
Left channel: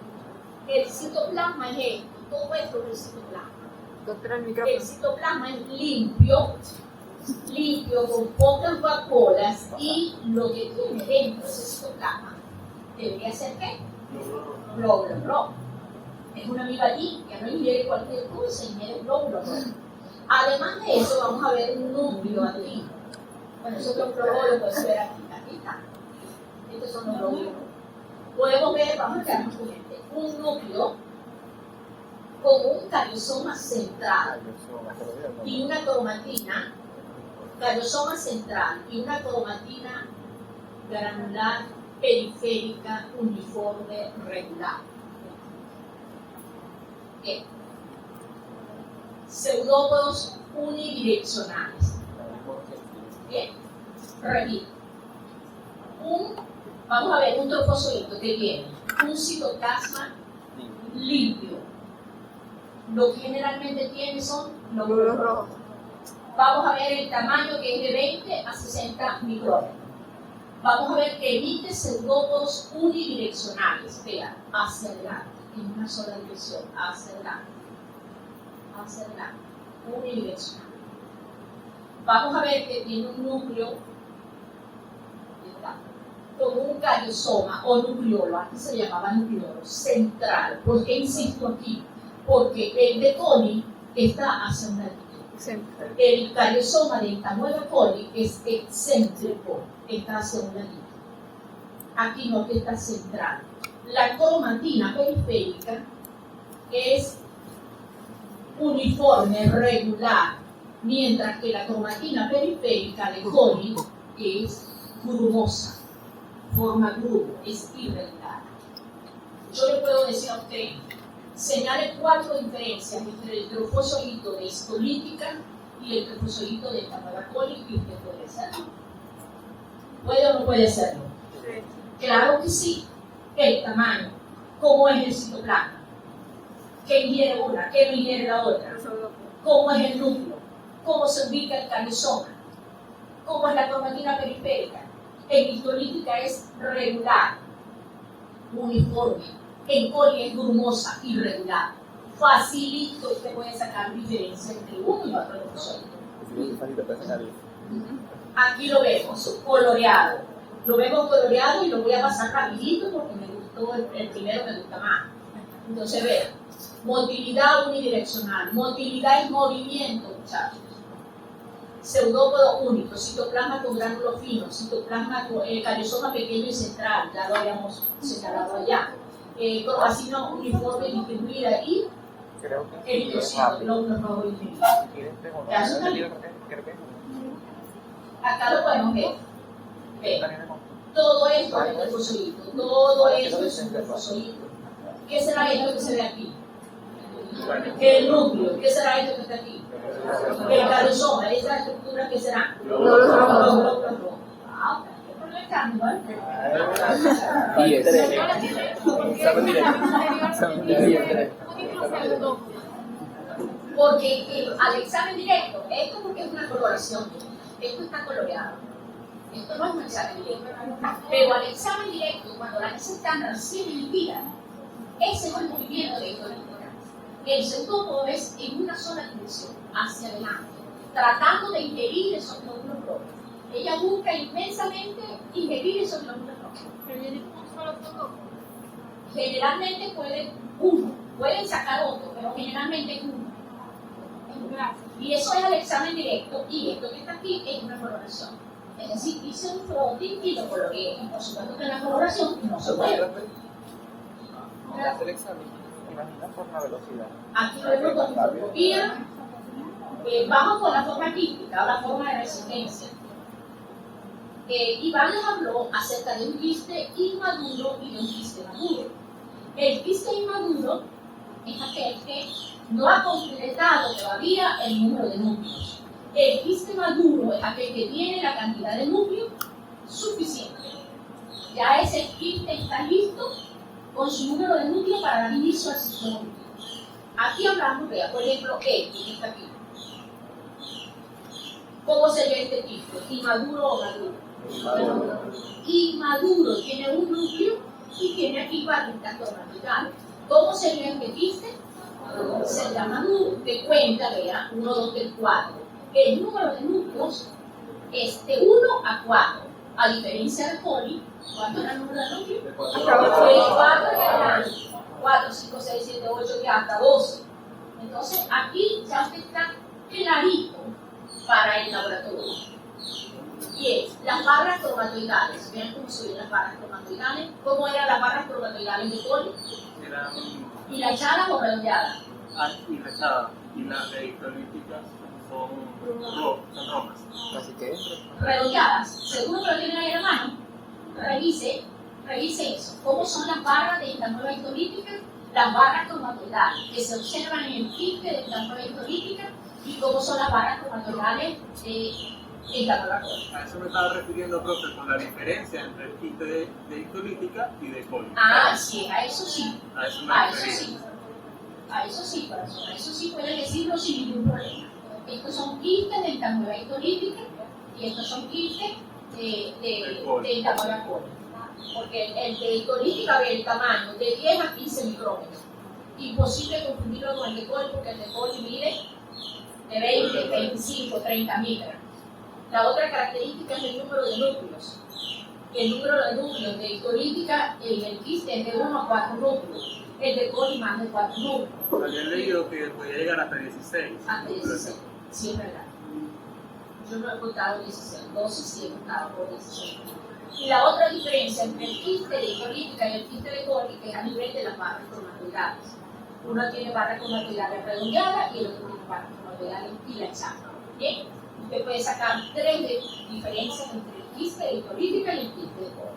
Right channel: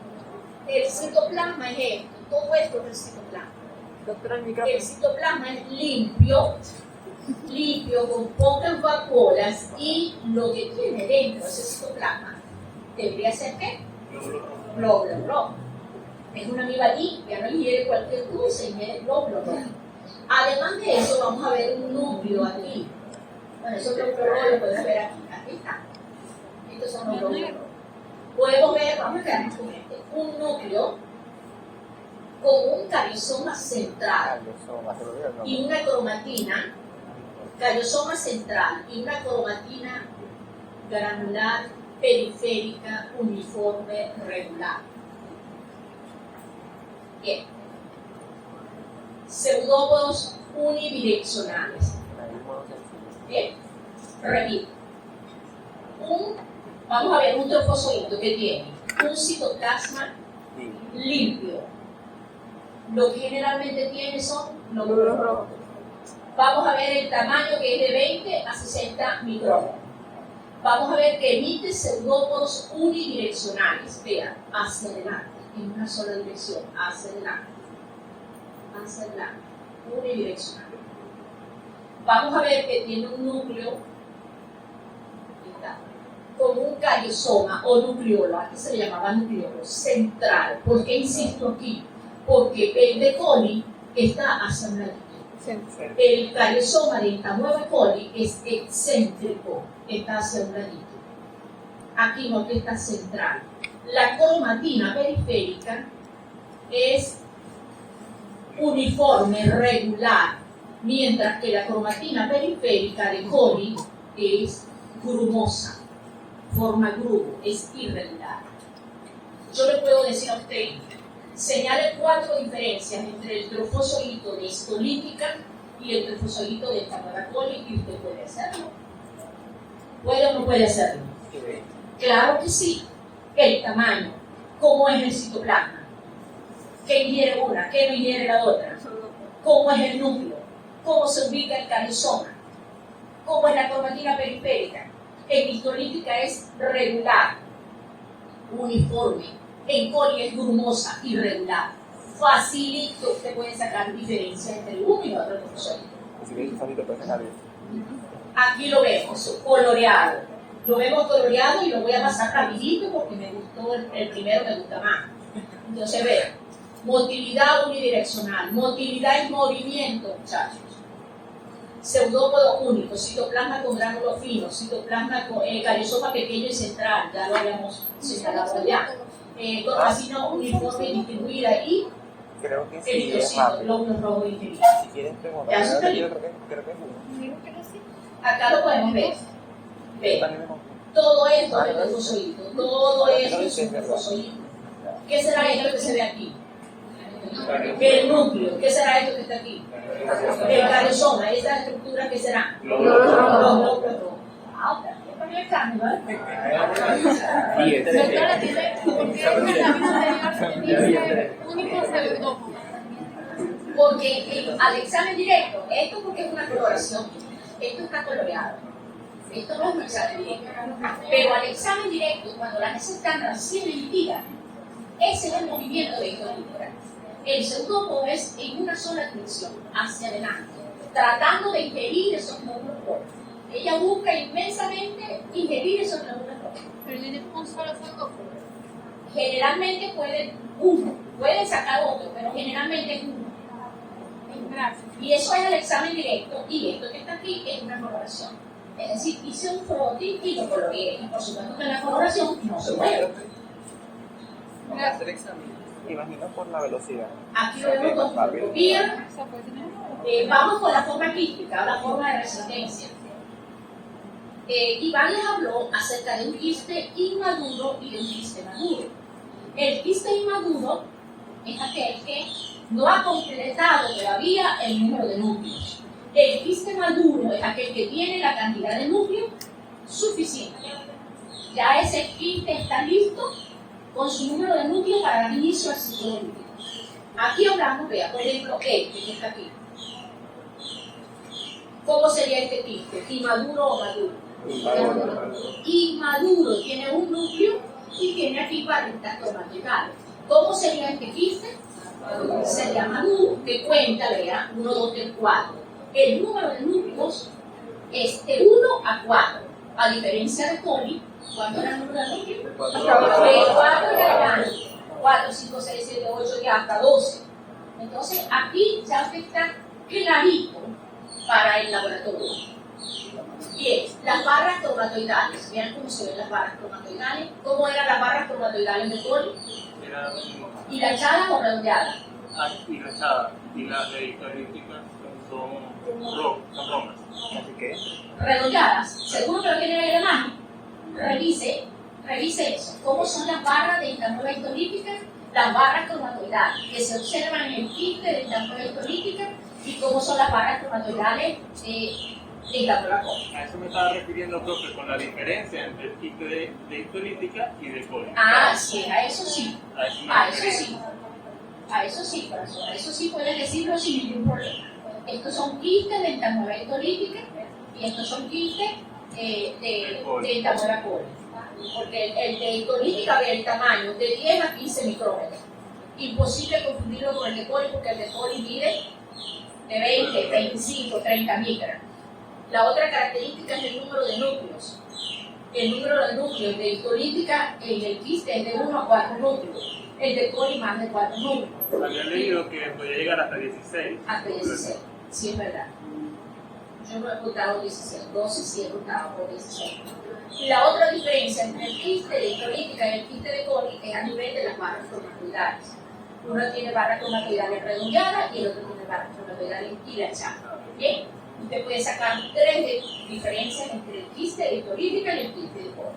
El citoplasma es esto. Todo esto es el citoplasma. Doctora, el El micrófono. citoplasma es limpio, con pocas vacuolas y lo que tiene dentro de ese citoplasma debería ser ¿qué? Glóbulo rojo. Es una amiba limpia, no ingiere cualquier cosa, ingiere glóbulo rojo. Además de eso, vamos a ver un núcleo aquí. Bueno, eso es lo podemos ver aquí. Aquí está. Estos son los glóbulos rojos. Podemos ver, vamos a quedarnos con este, un núcleo con un cariosoma central y una cromatina, cariosoma central y una cromatina granular periférica uniforme regular. Bien. Pseudópodos unidireccionales. Bien. Repito. Vamos a ver un trofozoito que tiene un citoplasma limpio. Lo que generalmente tiene son glóbulos rojos. Vamos a ver el tamaño que es de 20 a 60 micrómetros. Vamos a ver que emite pseudópodos unidireccionales. Vean, hacia adelante, en una sola dirección, hacia adelante. a ser blanco, unidireccional. Vamos a ver que tiene un núcleo con un cariosoma o nucleolo, antes se le llamaba nucleolo, central. ¿Por qué insisto aquí? Porque el de coli está hacia un ladito. El cariosoma de Entamueba coli es excéntrico, está hacia un ladito. Aquí no, que está central. La cromatina periférica es uniforme, regular, mientras que la cromatina periférica de coli es grumosa, forma grumo, es irregular. Yo le puedo decir a usted, señale 4 diferencias entre el trofozoito de histolítica y el trofozoito de Entamueba coli, y usted puede hacerlo. ¿Puede o no puede hacerlo? Claro que sí. El tamaño, cómo es el citoplasma, qué ingiere una, qué no ingiere la otra, cómo es el núcleo, cómo se ubica el cariosoma, cómo es la cromatina periférica. En histolítica es regular, uniforme. En coli es grumosa, irregular. Facilito usted puede sacar diferencia entre uno y otro trofozoito. Aquí lo vemos, coloreado. Lo vemos coloreado y lo voy a pasar rapidito porque me gustó, el primero me gusta más. Entonces vean, motilidad unidireccional. Motilidad es movimiento, muchachos. Pseudópodo único, citoplasma con gránulos finos, citoplasma con cariosoma pequeño y central, ya lo habíamos señalado allá. Corpacina uniforme distribuida y Creo que sí, es eritrocito, rápido. glóbulos rojos inferiores. Si quieres preguntar, Ya está yo bien. creo que es uno. Acá lo podemos ver. Vean. También me compré. Todo esto es el trofozoito, todo esto es un trofozoito. ¿Qué será esto que se ve aquí? El núcleo. ¿Qué será esto que está aquí? El cariosoma, esa estructura, ¿qué será? Los glóbulos rojos. Ah, ok. Esto no es carne, ¿no? Y ese Doctora, tiene, ¿por qué en la misma dice único pseudópodo? Porque al examen directo, esto porque es una coloración, esto está coloreado. Esto no es un examen directo. Pero al examen directo, cuando las heces están recién emitidas, ese es el movimiento de histolítica. El pseudópodo es en una sola dirección, hacia adelante, tratando de ingerir esos glóbulos rojos. Ella busca inmensamente ingerir esos glóbulos rojos. Pero tiene un solo pseudópodo. Generalmente puede sacar otro, pero generalmente es uno. Gracias. Y eso es el examen directo, y esto que está aquí es una coloración. Es decir, hice un froting y lo coloreé. Y por supuesto que la coloración no se mueve. Vamos a hacer el examen. Imagina por la velocidad. Aquí lo vemos con fotocopia. Vamos con la forma quística, la forma de resistencia. Iván les habló acerca de un quiste inmaduro y de un quiste maduro. El quiste inmaduro es aquel que no ha completado todavía el número de núcleos. El quiste maduro es aquel que tiene la cantidad de núcleos suficiente. Ya ese quiste está listo con su número de núcleos para dar inicio al ciclo límpico. Aquí hablamos, vea, por ejemplo, que está aquí. ¿Cómo sería este quiste? ¿Inmaduro o maduro? Inmaduro, tiene un núcleo y tiene aquí barritas cromatitales. ¿Cómo sería este quiste? Sería maduro, que cuenta, vea, 1, 2, 3, 4. El número de núcleos es de 1 a 4, a diferencia de coli. ¿Cuánto era el número de núcleos? De 4 en adelante. 4, 5, 6, 7, 8 y hasta 12. Entonces, aquí ya usted está clarito para el laboratorio. Bien, las barras cromatoidales. Vean cómo se ven las barras cromatoidales. ¿Cómo eran las barras cromatoidales de coli? Eran ¿Hilachadas o redondeadas? hilachadas y las de histolíticas son romas. Así que Redondeadas. Seguro que lo tienen ahí en la mano. Revise eso. ¿Cómo son las barras de Entamueba histolítica? Las barras cromatoidales que se observan en el quiste de Entamueba histolítica, y cómo son las barras cromatoidales de Entamueba coli. A eso me estaba refiriendo, profe, con la diferencia entre el quiste de histolítica y de coli. Ah, sí, a eso sí. A eso me A eso refería. sí. A eso sí, corazón. A eso sí puedes decirlo sin ningún problema. Estos son quistes de Entamueba histolítica y estos son quistes de Entamueba coli. Porque el de histolítica ve el tamaño de 10 a 15 micrómetros. Imposible confundirlo con el de coli porque el de coli mide de 20, 25, 30 micras. La otra característica es el número de núcleos. El número de núcleos de histolítica en el quiste es de 1 a 4 núcleos. El de coli más de 4 núcleos. Había leído que podía llegar hasta 16. Hasta 16. Sí, es verdad. Yo no he contado 16, 12 sí he contado por 16. Y la otra diferencia entre el quiste de histolítica y el quiste de coli es a nivel de las barras cromatoidales. Uno tiene barras cromatoidales redondeadas y el otro tiene barras cromatoidales hilachadas. ¿Bien? Usted puede sacar 3 diferencias entre el quiste de histolítica y el quiste de coli.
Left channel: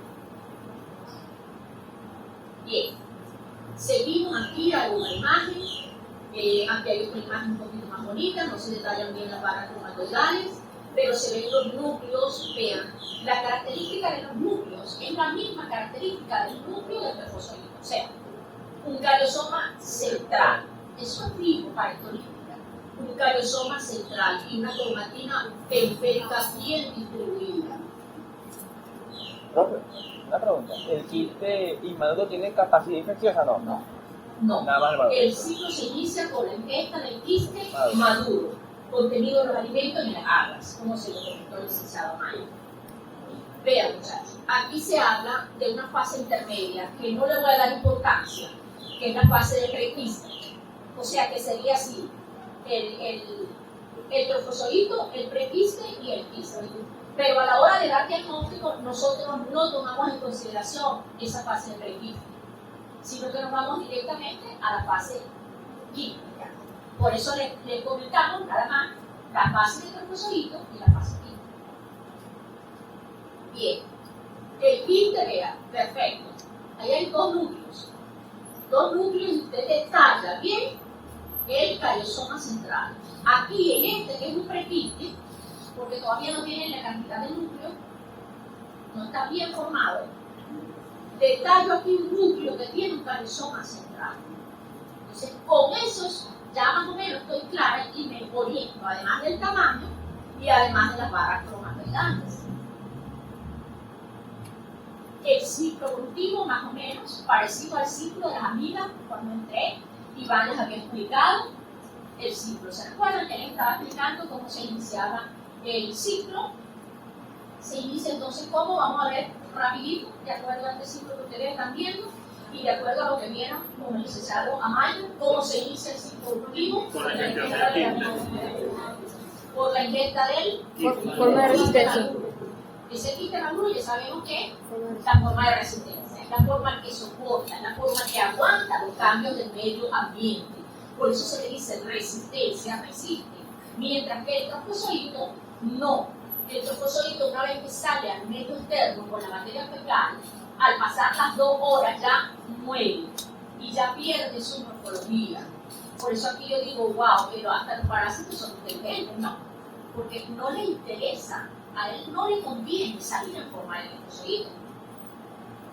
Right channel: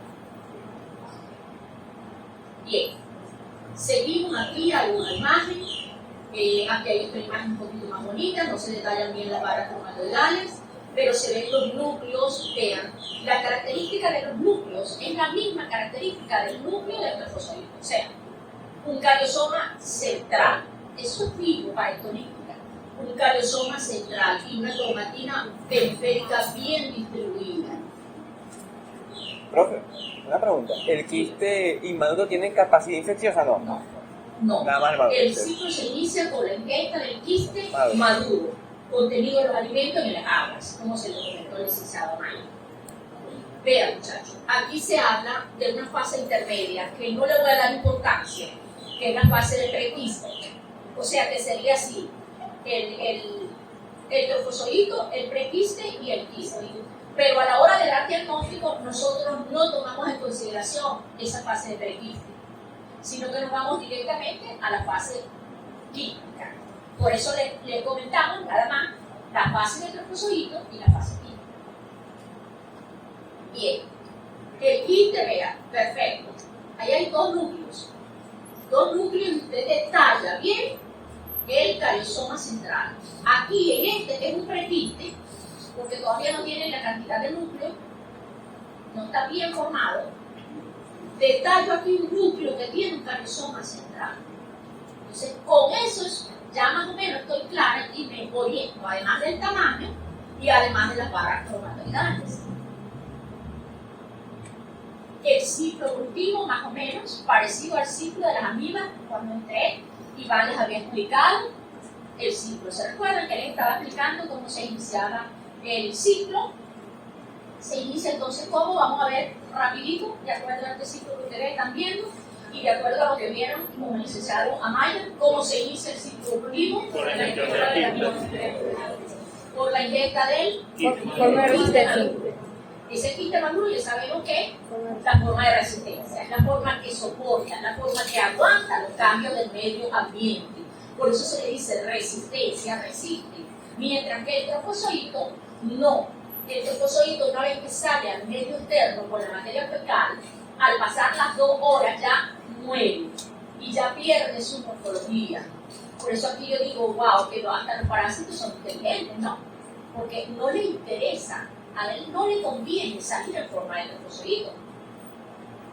Bien. Seguimos aquí alguna imagen. Aquí hay otra imagen un poquito más bonita, no se detallan bien las barras cromatoidales, pero se ven los núcleos. Vean, la característica de los núcleos es la misma característica del núcleo del trofozoide, o sea, un cariosoma central. Eso es vivo para histolítica. Un cariosoma central y una cromatina periférica bien distribuida. Profe, una pregunta. ¿El quiste inmaduro tiene capacidad infecciosa o no? No, Nada más grave. el ciclo se inicia con la ingesta del quiste Ah, bien. maduro, contenido de los alimentos en las aguas, como se lo comentó el licenciado Mayo. Vean, muchachos, aquí se habla de una fase intermedia que no le voy a dar importancia, que es la fase de prequiste. O sea, que sería así, el trofozoito, el prequiste y el quiste. Pero a la hora de dar diagnóstico, nosotros no tomamos en consideración esa fase de prequiste, sino que nos vamos directamente a la fase quística. Por eso les comentamos nada más la fase de trofozoito y la fase quística. Bien, el quiste, vea, perfecto. Ahí hay 2 núcleos. 2 núcleos y usted detalla bien el cariosoma central. Aquí en este, que es un prequiste, porque todavía no tiene la cantidad de núcleos, no está bien formado, detallo aquí un núcleo que tiene un cariosoma central. Entonces, con eso ya más o menos estoy clara y me oriento, además del tamaño y además de las barras cromatoidales. El ciclo evolutivo, más o menos, parecido al ciclo de las amibas cuando entré, Iván les había explicado el ciclo. ¿Se recuerdan que les estaba explicando cómo se iniciaba el ciclo? Se inicia entonces cómo, vamos a ver rapidito, de acuerdo a este ciclo que ustedes están viendo y de acuerdo a lo que vieron con el licenciado Amaya, cómo se inicia el ciclo evolutivo Por la ingesta del por la ingesta del Por una resistencia. ese quiste maduro ya sabemos que es la forma de resistencia, es la forma que soporta, es la forma que aguanta los cambios del medio ambiente. Por eso se le dice resistencia, resiste. Mientras que el trofozoito no. El trofozoito, una vez que sale al medio externo con la materia fecal, al pasar las 2 horas ya muere y ya pierde su morfología. Por eso aquí yo digo, wow, que hasta los parásitos son inteligentes, ¿no? Porque no le interesa, a él no le conviene salir en forma de trofozoito.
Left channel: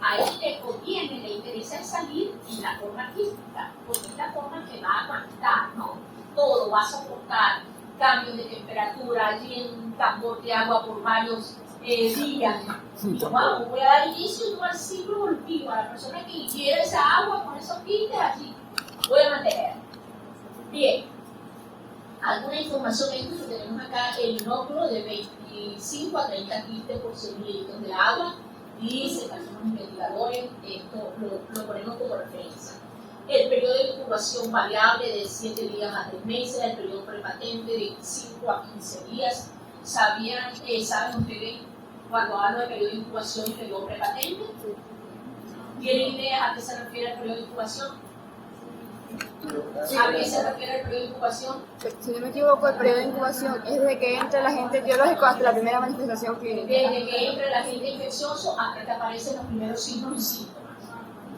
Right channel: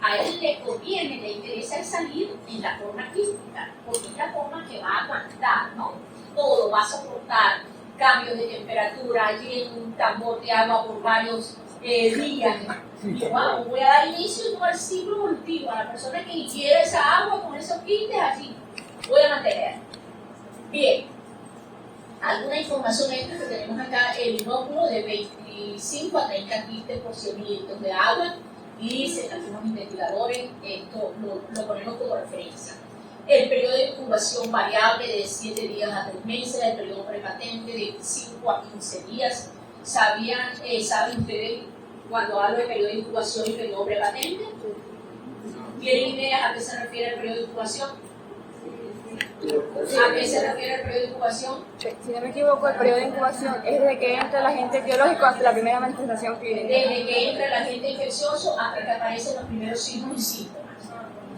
A él le conviene, le interesa el salir en la forma quística, porque es la forma que va a aguantar, ¿no? Todo va a soportar cambios de temperatura, allí en un tambor de agua por varios días. Wow, voy a dar inicio al ciclo evolutivo, a la persona que ingiere esa agua con esos quistes allí. Voy a mantener. Bien, alguna información extra que tenemos acá, el inóculo de 25 a 30 quistes por 100 litros de agua, y se algunos investigadores, esto lo ponemos como referencia. El periodo de incubación variable de 7 días a 3 meses, el periodo prepatente de 5 a 15 días. ¿Saben ustedes cuando hablo de periodo de incubación y periodo prepatente? ¿Tienen ideas a qué se refiere el periodo de incubación? ¿A qué se refiere el periodo de incubación? Si no me equivoco, el periodo de incubación es desde que entra el agente biológico hasta la primera manifestación clínica. Desde que entra el agente infeccioso hasta que aparecen los primeros signos y síntomas.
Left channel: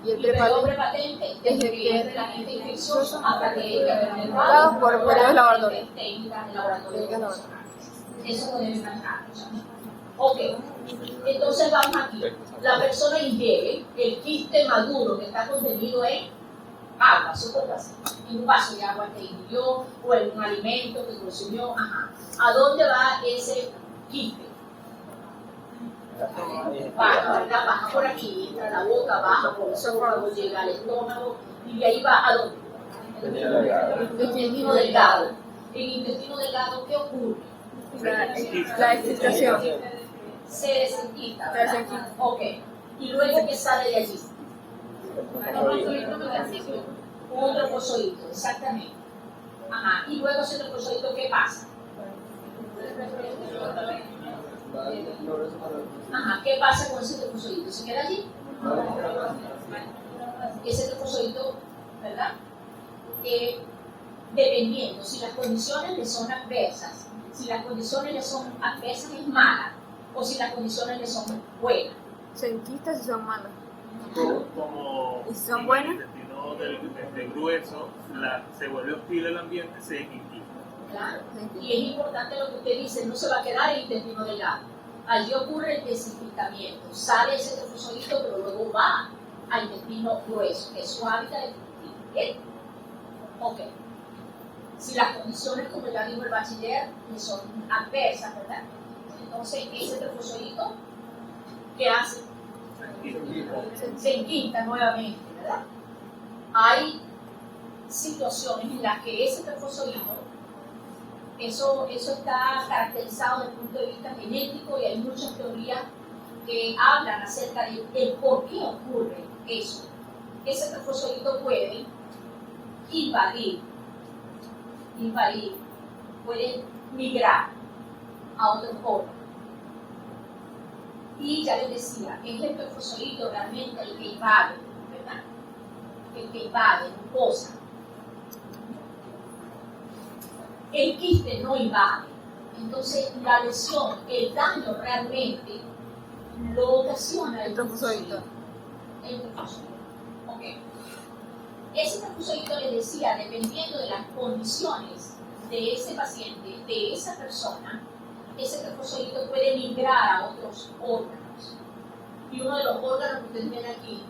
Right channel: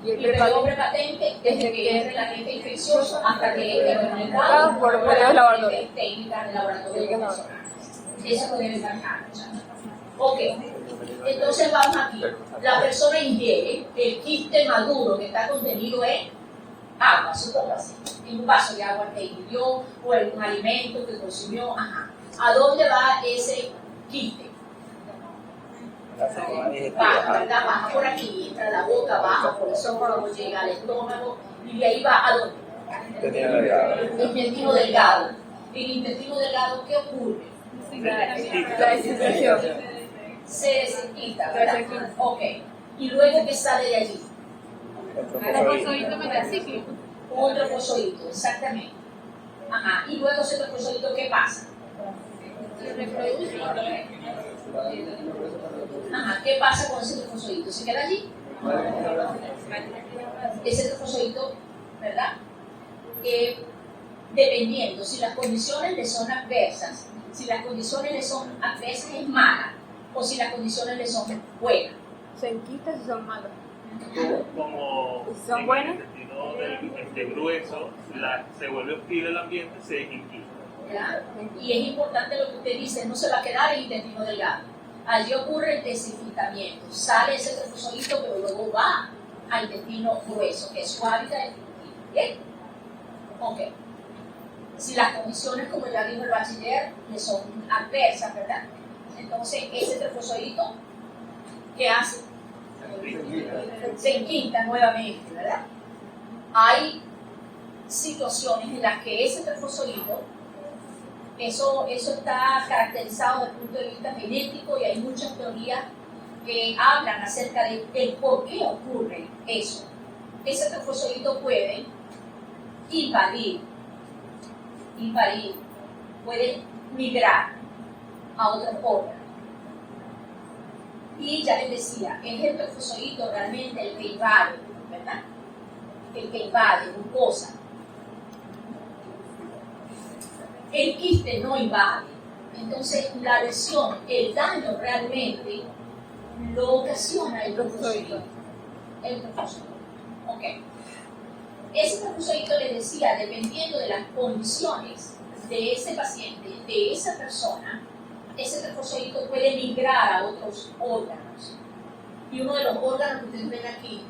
Y el Y el periodo periodo prepatente desde que entra el agente infeccioso hasta que entre el mercado por las laboratorios. técnicas de laboratorio convencionales. Eso lo deben manejar. Ok, entonces vamos aquí. La persona ingiere el quiste maduro que está contenido en agua, supongo así, en un vaso de agua que ingirió o en un alimento que consumió. Ajá. ¿A dónde va ese quiste? La forma digestiva. Baja, ¿verdad? Baja por aquí, entra a la boca, baja por el esófago, llega al estómago y de ahí va a dónde? Intestino delgado. Intestino delgado. En intestino delgado, ¿qué ocurre? La desinfección. Se desinfecta, Se ¿verdad? desinfecta. Ok. Y luego, ¿qué sale de allí? El trofozoito. Un trofozoito, exactamente. Ajá. Y luego ese trofozoito, ¿qué pasa? Ajá. ¿Qué pasa con ese trofozoito? ¿Se queda allí? Ese trofozoito, ¿verdad? Dependiendo si las condiciones le son adversas, si las condiciones le son adversas es mala, o si las condiciones le son buenas. Se enquistan si son malos. Como ¿Y son en el buenas? intestino grueso se vuelve hostil el ambiente, se desinquista. Claro. Y es importante lo que usted dice, no se va a quedar en intestino delgado. Allí ocurre el desinfectamiento. Sale ese trofozoito, pero luego va al intestino grueso, que es su hábitat de intestino. ¿Bien? Ok. Si las condiciones, como ya dijo el bachiller, le son adversas, ¿verdad? Entonces, ese trofozoito, ¿qué hace? Se enquista nuevamente, ¿verdad? Hay situaciones en las que ese trofozoito, eso está caracterizado desde el punto de vista genético y hay muchas teorías que hablan acerca de por qué ocurre eso. Ese trofozoito puede invadir, puede migrar a otros órganos. Y ya les decía, es el trofozoito realmente el que invade, ¿verdad? El que invade, mucosa. El quiste no invade. Entonces, la lesión, el daño realmente lo ocasiona el trofozoito. El trofozoito. Ok. Ese trofozoito, les decía, dependiendo de las condiciones de ese paciente, de esa persona, ese trofozoito puede migrar a otros órganos. Y uno de los órganos que ustedes ven aquí,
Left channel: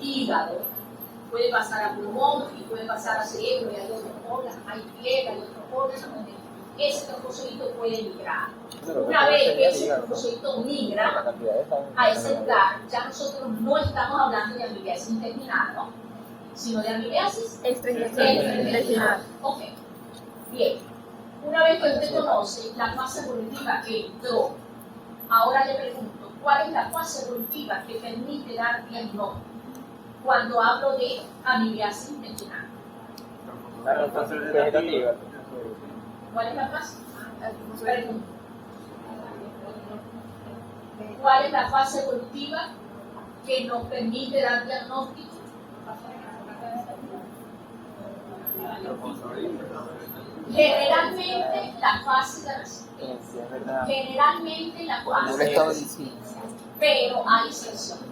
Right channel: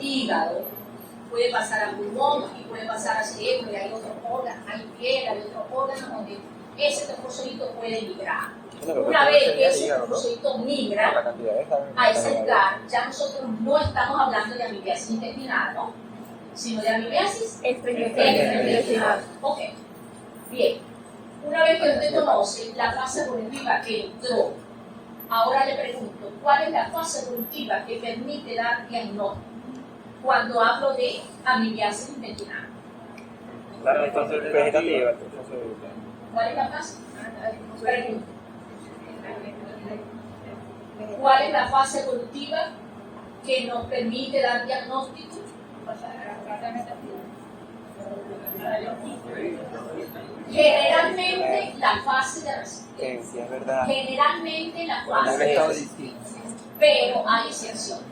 hígado, puede pasar a pulmón y puede pasar a cerebro, y hay otros órganos, hay piel, hay otros órganos donde ese trofozoito puede migrar. Una vez que ese trofozoito migra a ese lugar, ya nosotros no estamos hablando de amibiasis intestinal, ¿no? Sino de amibiasis extraintestinal. Ok, bien. Una vez que usted conoce la fase evolutiva que entró, ahora le pregunto, ¿cuál es la fase evolutiva que permite dar diagnóstico cuando hablo de amibiasis intestinal? La vegetativa. ¿Cuál es la fase? Pregunto. ¿Cuál es la fase evolutiva que nos permite dar diagnóstico? Generalmente la fase de resistencia. Es verdad. Generalmente la fase de resistencia. Pero hay excepciones.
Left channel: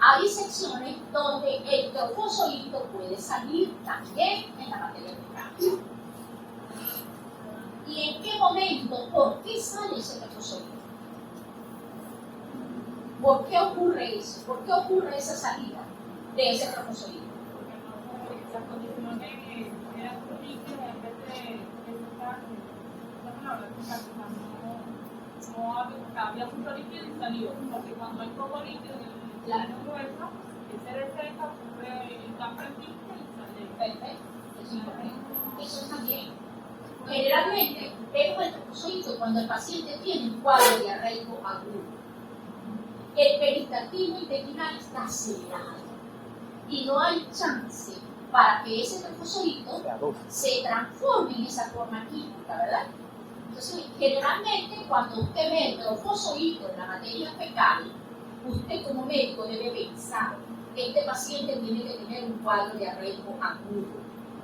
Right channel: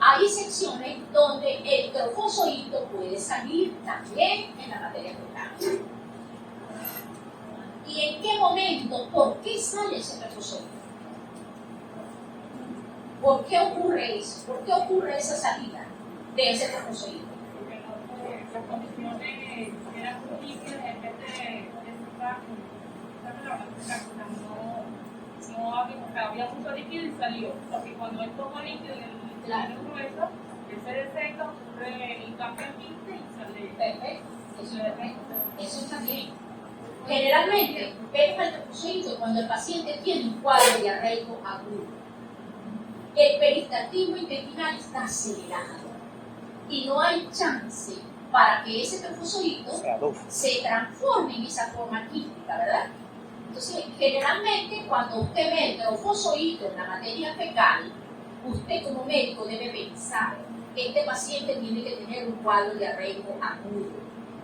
Hay excepciones donde el trofozoito puede salir también en la materia fecal. ¿Y en qué momento? ¿Por qué sale ese trofozoito? ¿Por qué ocurre eso? ¿Por qué ocurre esa salida de ese trofozoito? Las condiciones eran difíciles en vez de había mucho líquido y salió, porque cuando hay poco líquido en el grueso, el se deseca, ocurre el cambio en quiste y sale. Perfecto, eso está bien. Generalmente vemos el trofozoito cuando el paciente tiene un cuadro diarreico agudo. El peristaltismo intestinal está acelerado y no hay chance para que ese trofozoito se transforme en esa forma quística, ¿verdad? Entonces, generalmente, cuando usted ve el trofozoito en la materia fecal, usted como médico debe pensar que este paciente tiene que tener un cuadro diarreico agudo,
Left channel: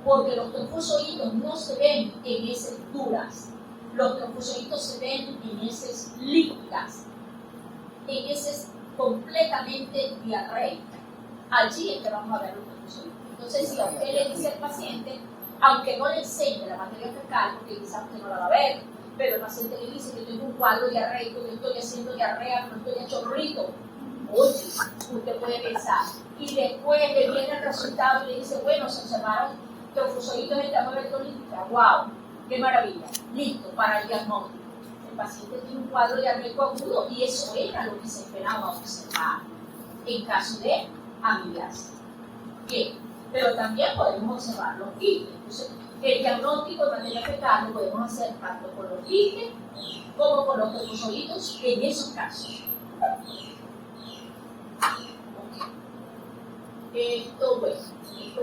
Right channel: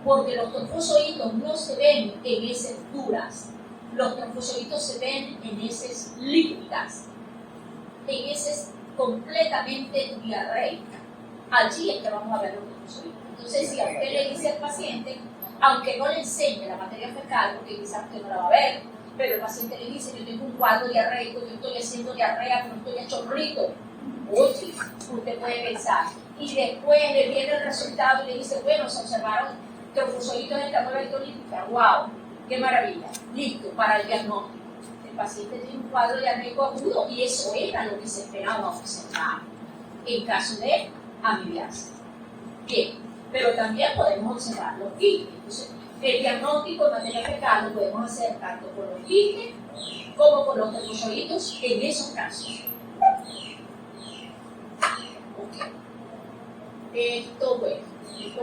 porque los trofozoitos no se ven en heces duras, los trofozoitos se ven en heces líquidas, en heces completamente diarreicas. Allí es que vamos a ver los trofozoitos. Entonces, si a usted le dice al paciente, aunque no le enseñe la materia fecal, porque quizás usted no la va a ver, pero el paciente le dice que tengo un cuadro diarreico, yo estoy haciendo diarrea, pero estoy a chorrito. Oye, usted puede pensar. Y después le viene el resultado y le dice, bueno, se observaron trofozoitos en esta muela electrolítica. ¡Wow! ¡Qué maravilla! Listo para el diagnóstico. El paciente tiene un cuadro diarreico agudo y eso era lo que se esperaba observar en caso de amibiasis. Bien, pero también podemos observar los quistes. Entonces, el diagnóstico en materia fecal lo podemos hacer tanto con los quistes como con los trofozoitos en esos casos. Esto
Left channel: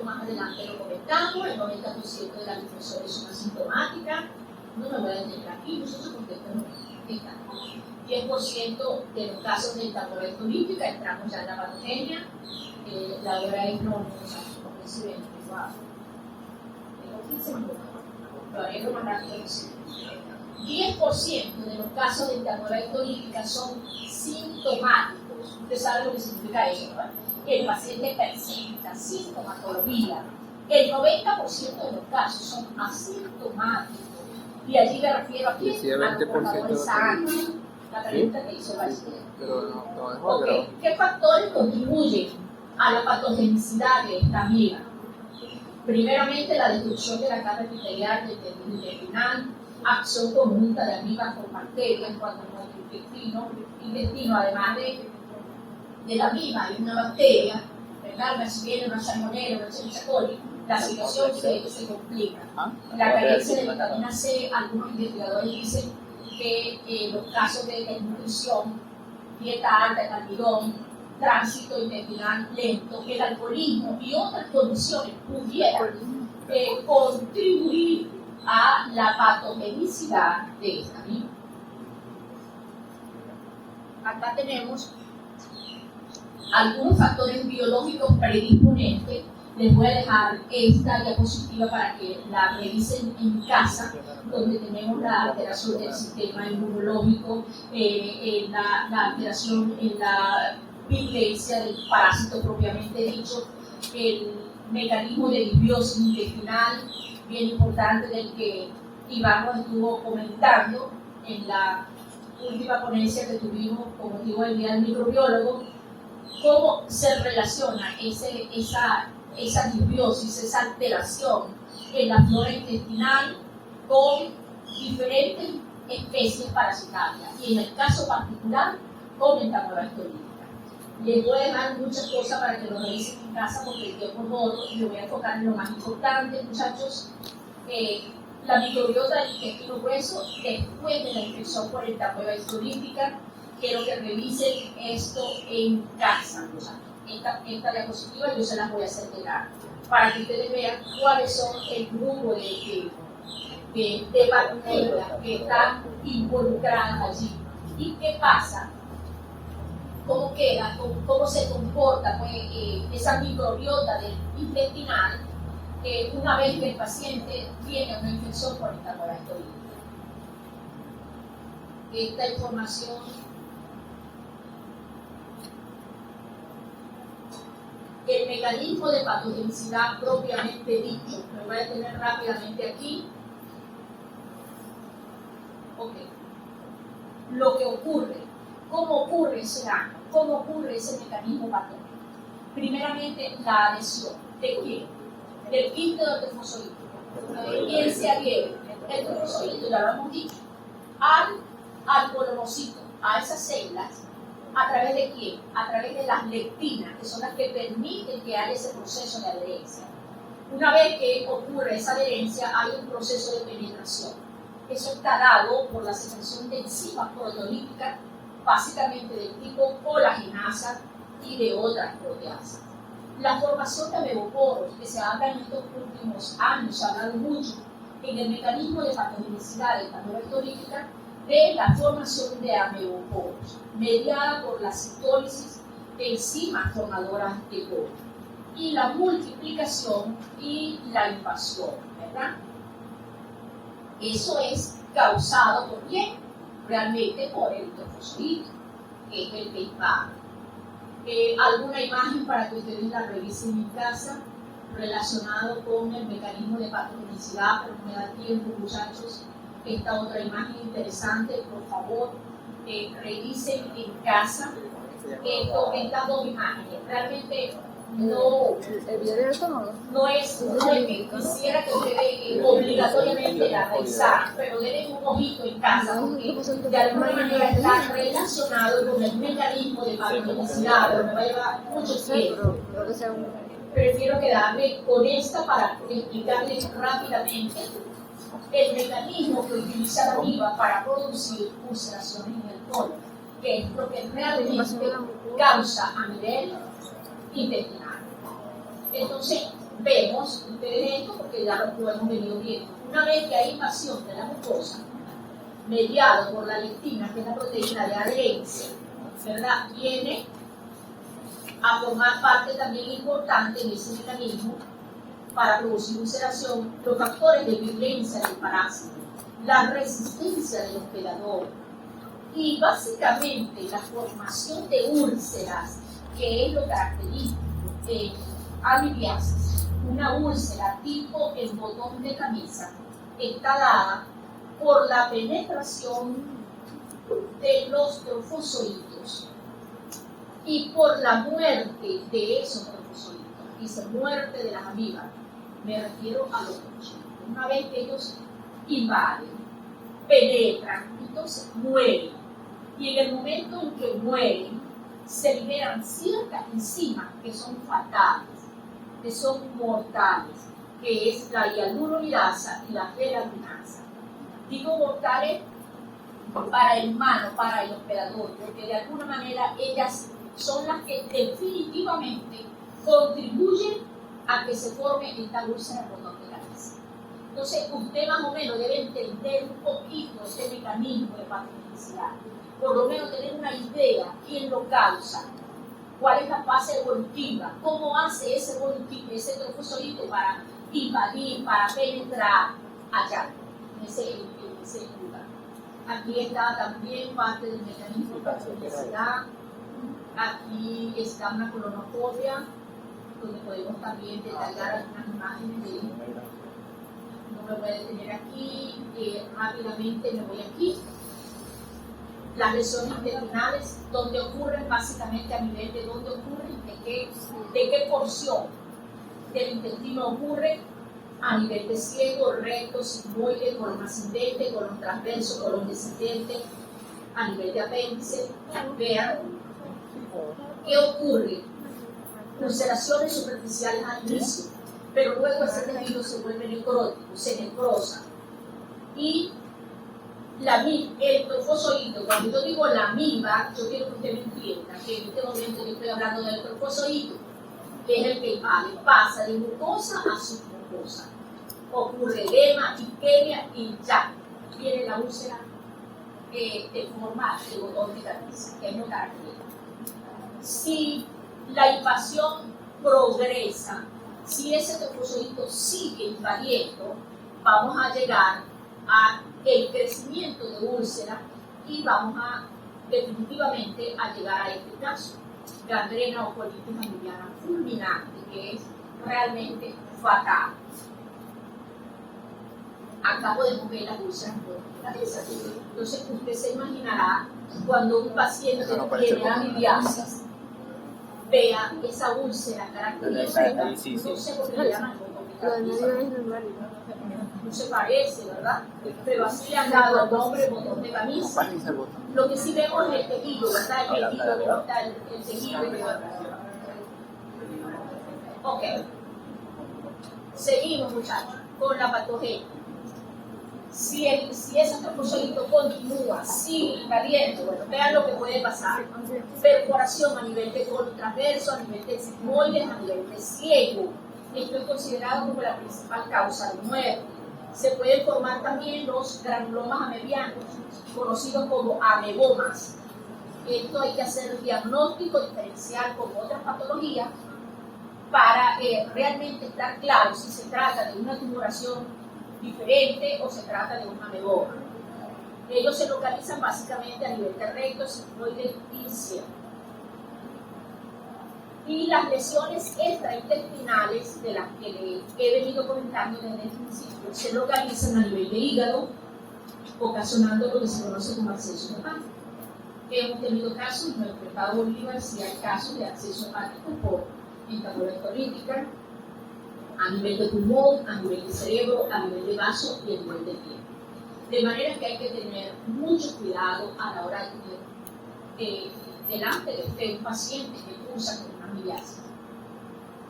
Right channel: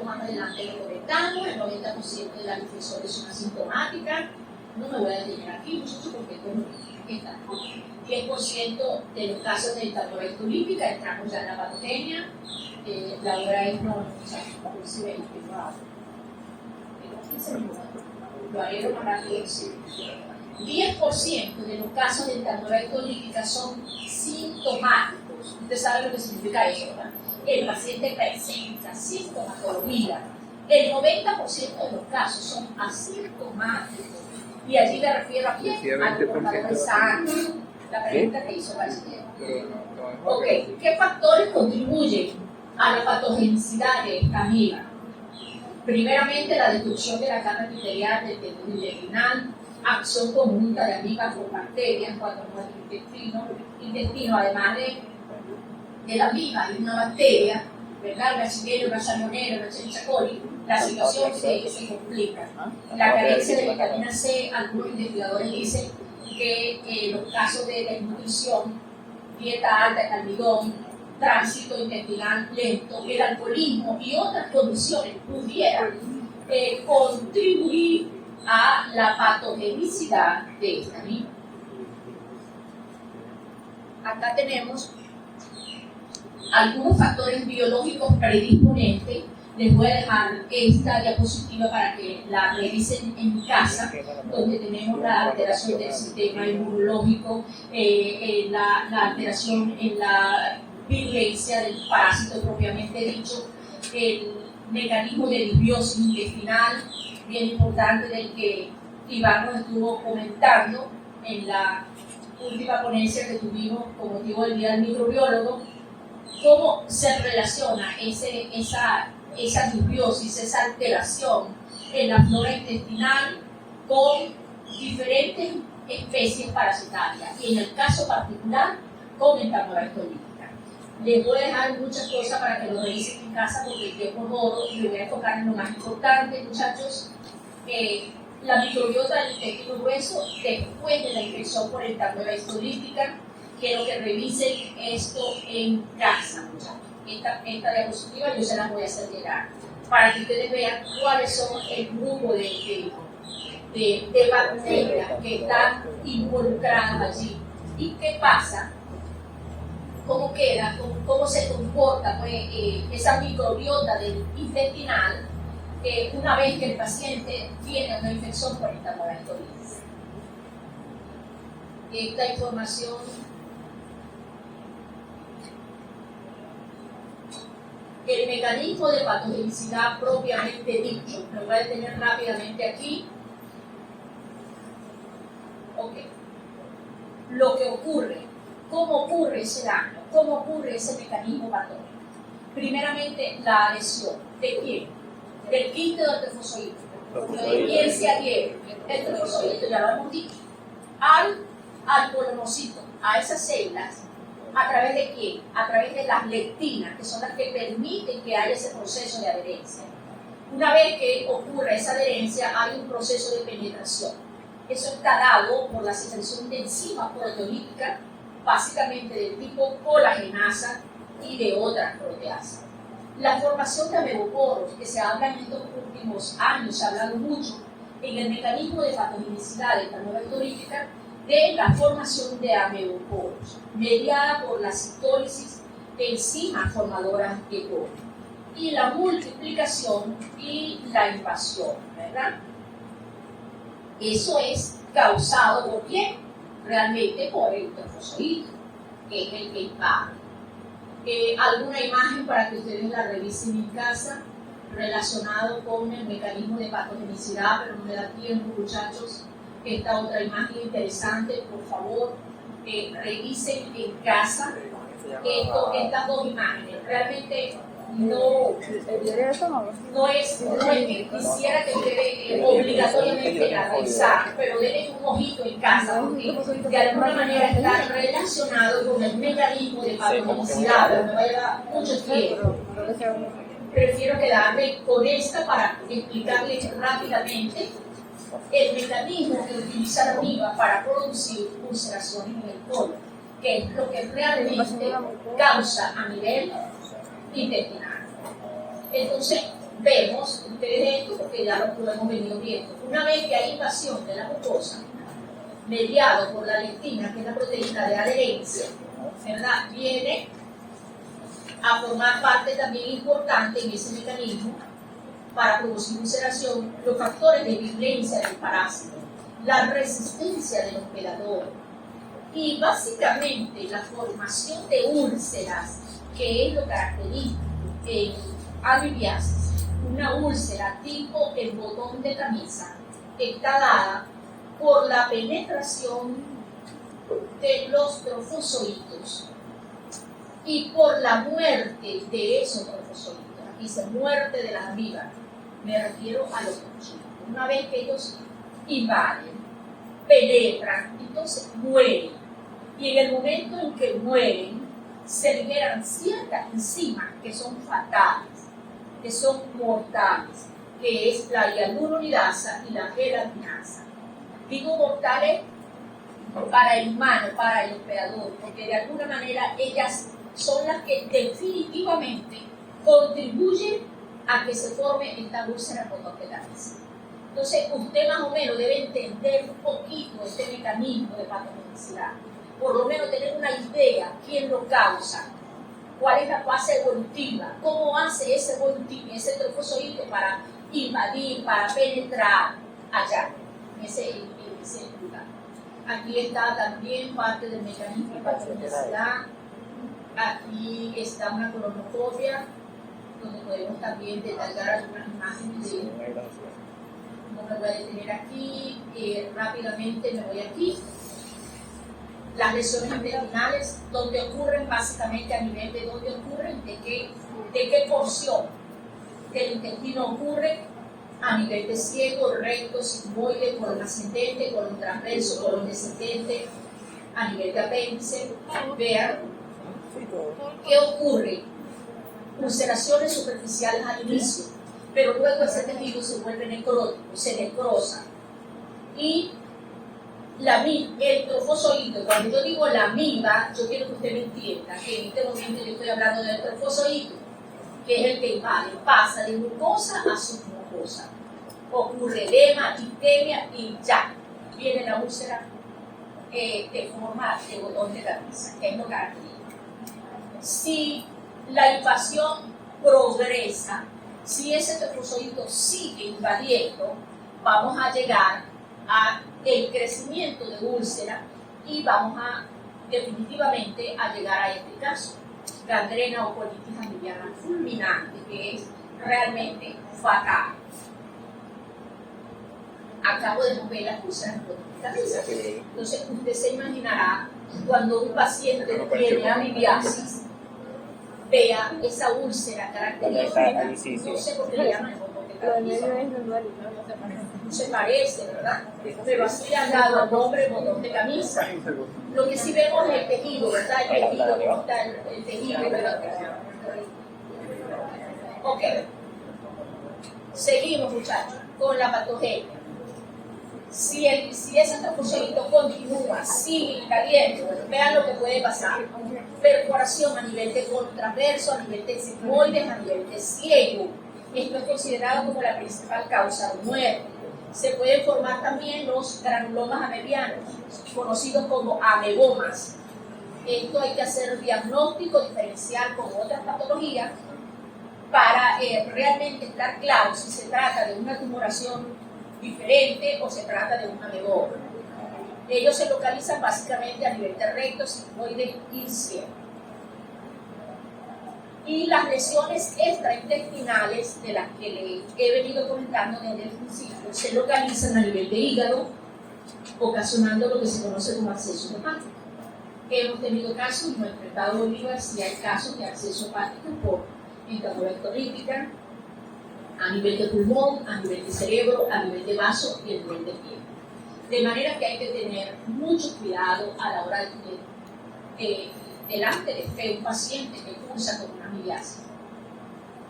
más adelante lo comentamos. El 90% de las infecciones son asintomáticas. No me voy a detener aquí, muchachos, porque esto no está. 10% de los casos de estatorrea olímpica entramos ya en la patogenia. La hora es no, si ven, tengo 15 minutos. Lo haré lo más rápido posible. 10% de los casos de estatorrea olímpica son sintomáticos. Usted sabe lo que significa eso, ¿verdad? El paciente presenta sintomatología. El 90% de los casos son asintomáticos. Y allí me refiero a quién? A los portadores sanos. La pregunta que hizo el bachiller. ¿Qué factores contribuyen a la patogenicidad de esta amiga? Primeramente, la destrucción de la capa epitelial del tejido intestinal, acción conjunta de amigas con bacterias cuando nuestro intestino, además de la amiga, hay una bacteria, ¿verdad? Una Xylella, una Salmonella, una Escherichia coli, la situación se complica. La carencia de vitamina C, algunos investigadores dicen que los casos de desnutrición, dieta alta en almidón, tránsito intestinal lento, el alcoholismo y otras condiciones pudieran contribuir a la patogenicidad de esta misma. Acá tenemos algunos factores biológicos predisponentes. Les voy a dejar esta diapositiva para que la revisen en casa, donde tenemos la alteración del sistema inmunológico, la alteración en la virulencia del parásito propiamente dicho, el mecanismo de disbiosis intestinal, bien importante, del que Iván nos estuvo comentando en la última ponencia que tuvimos con motivo del Día del Microbiólogo, cómo se relaciona esa disbiosis, esa alteración en la flora intestinal con diferentes especies parasitarias, y en el caso particular con Entamoeba olímpica. Les voy a dejar muchas cosas para que lo revisen en casa porque el tiempo es oro y le voy a enfocar en lo más importante, muchachos. La microbiota del intestino grueso después de la infección por Entamoeba olímpica. Quiero que revisen esto en casa, muchachos. Esta diapositiva yo se las voy a hacer llegar para que ustedes vean cuáles son el grupo de bacterias que están involucradas allí y qué pasa, cómo queda, cómo se comporta pues, esa microbiota del intestinal una vez que el paciente tiene una infección por Entamoeba olímpica. Esta información el mecanismo de patogenicidad propiamente dicho, lo voy a tener rápidamente aquí. Ok. Lo que ocurre, cómo ocurre ese daño, cómo ocurre ese mecanismo patógeno. Primeramente, la adhesión. ¿De quién? Del quiste del trofozoito. ¿De quién se adhiere? El trofozoito, ya lo hemos dicho, al colonocito, a esas células. ¿A través de quién? A través de las lectinas, que son las que permiten que haya ese proceso de adherencia. Una vez que ocurre esa adherencia, hay un proceso de penetración. Eso está dado por la secreción de enzimas proteolíticas, básicamente del tipo colagenasa y de otras proteasas. La formación de ameloporos, que se habla en estos últimos años, se ha hablado mucho en el mecanismo de patogenicidad de Entamoeba olímpica, de la formación de ameloporos, mediada por la citólisis de enzimas formadoras de poro, y la multiplicación y la invasión, ¿verdad? Eso es causado por quién? Realmente por el trofozoito, que es el que invade. Alguna imagen para que ustedes la revisen en casa relacionado con el mecanismo de patogenicidad, pero no me da tiempo, muchachos. Esta otra imagen interesante, por favor, revisen en casa estas dos imágenes. Realmente no es que quisiera que ustedes obligatoriamente la revisaran, pero denle un ojito en casa, porque de alguna manera está relacionado con el mecanismo de patogenicidad, pero me va a llevar mucho tiempo. prefiero quedarme con esta para explicarles rápidamente el mecanismo que utiliza la amiba para producir ulceraciones en el colon, que es lo que realmente causa a nivel intestinal. Entonces, vemos ustedes esto porque ya lo hemos venido viendo. Una vez que hay invasión de la mucosa, mediado por la lectina, que es la proteína de adherencia, ¿verdad? Viene a formar parte también importante en ese mecanismo para producir ulceración, los factores de virulencia del parásito, la resistencia del hospedador y básicamente la formación de úlceras, que es lo característico en amibiasis. Una úlcera tipo en botón de camisa está dada por la penetración de los trofozoitos y por la muerte de esos trofozoitos. Aquí se muerte de las amibas. Me refiero a los trofozoitos. Una vez que ellos invaden, penetran, entonces mueren. Y en el momento en que mueren, se liberan ciertas enzimas que son fatales, que son mortales, que es la hialuronidasa y la gelatinasa. Digo mortales para el humano, para el operador, porque de alguna manera ellas son las que definitivamente contribuyen a que se forme esta úlcera por botón de camisa. Entonces, usted más o menos debe entender un poquito este mecanismo de patogenicidad, por lo menos tener una idea quién lo causa, cuál es la fase evolutiva, cómo hace ese trofozoito para invadir, para penetrar allá, en ese lugar. Aquí está también parte del mecanismo de patogenicidad. Aquí está una colonoscopia, donde podemos también detallar algunas imágenes de... No me voy a detener aquí, rápidamente me voy aquí. Las lesiones intestinales, donde ocurren básicamente a nivel de dónde ocurren, de qué porción del intestino ocurre, a nivel de ciego, recto, sigmoide, colon ascendente, colon transverso, colon descendente, a nivel de apéndice. Vean qué ocurre. Ulceraciones superficiales al inicio, pero luego ese tejido se vuelve necrótico, se necrosa. Y el trofozoito, cuando yo digo la amiba, yo quiero que usted me entienda que en este momento yo estoy hablando del trofozoito, que es el que invade, pasa de mucosa a submucosa. Ocurre edema, isquemia y ya viene la úlcera de forma de botón de camisa, que es lo característico. Si la invasión progresa, si ese trofozoito sigue invadiendo, vamos a llegar a el crecimiento de úlcera y vamos a definitivamente a llegar a este caso, gangrena o colitis amibiana fulminante, que es realmente fatal. Acabo de mover las úlceras por la cabeza. Entonces usted se imaginará cuando un paciente tiene amibiasis, vea esa úlcera característica, no sé por qué le llaman botón de camisa. No se parece, ¿verdad? Pero así han dado el nombre botón de camisa. Lo que sí vemos es el tejido, ¿verdad? El tejido, ¿cómo está el tejido? Ok. Seguimos, muchachos, con la patogenia. Si ese trofozoito continúa, sigue caliente, bueno, vean lo que puede pasar. Perforación a nivel de colon transverso, a nivel de sigmoides, a nivel de ciego. Esto es considerado como la principal causa de muerte. Se pueden formar también los granulomas amebianos, conocidos como amebomas. Esto hay que hacer diagnóstico diferencial con otras patologías para realmente estar claro si se trata de una tumoración diferente o se trata de un ameboma. Ellos se localizan básicamente a nivel de recto, sigmoide y ciego. Y las lesiones extraintestinales de las que le he venido comentando desde el principio se localizan a nivel de hígado, ocasionando lo que se conoce como absceso hepático. Hemos tenido casos, no he enfrentado Bolívar, si hay casos de absceso hepático por entamoeba rítica, a nivel de pulmón, a nivel de cerebro, a nivel de vaso y a nivel de piel. De manera que hay que tener mucho cuidado a la hora de tener delante de un paciente que cursa con una amibiasis.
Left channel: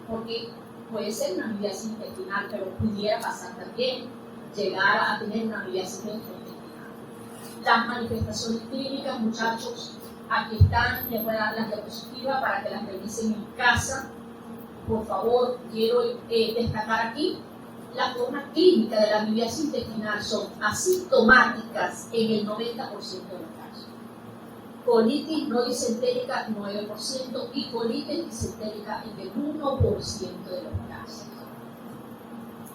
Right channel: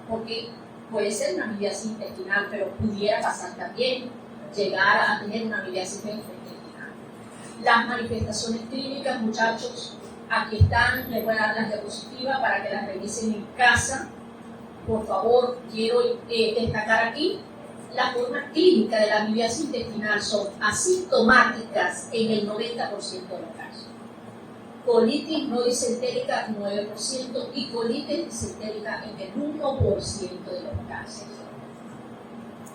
porque puede ser una amibiasis intestinal, pero pudiera pasar también llegar a tener una amibiasis gastrointestinal. Las manifestaciones clínicas, muchachos, aquí están, les voy a dar las diapositivas para que las revisen en casa. Por favor, quiero destacar aquí la forma clínica de la amibiasis intestinal son asintomáticas en el 90% de los casos. Colitis no disentérica 9% y colitis disentérica en el 1% de los casos.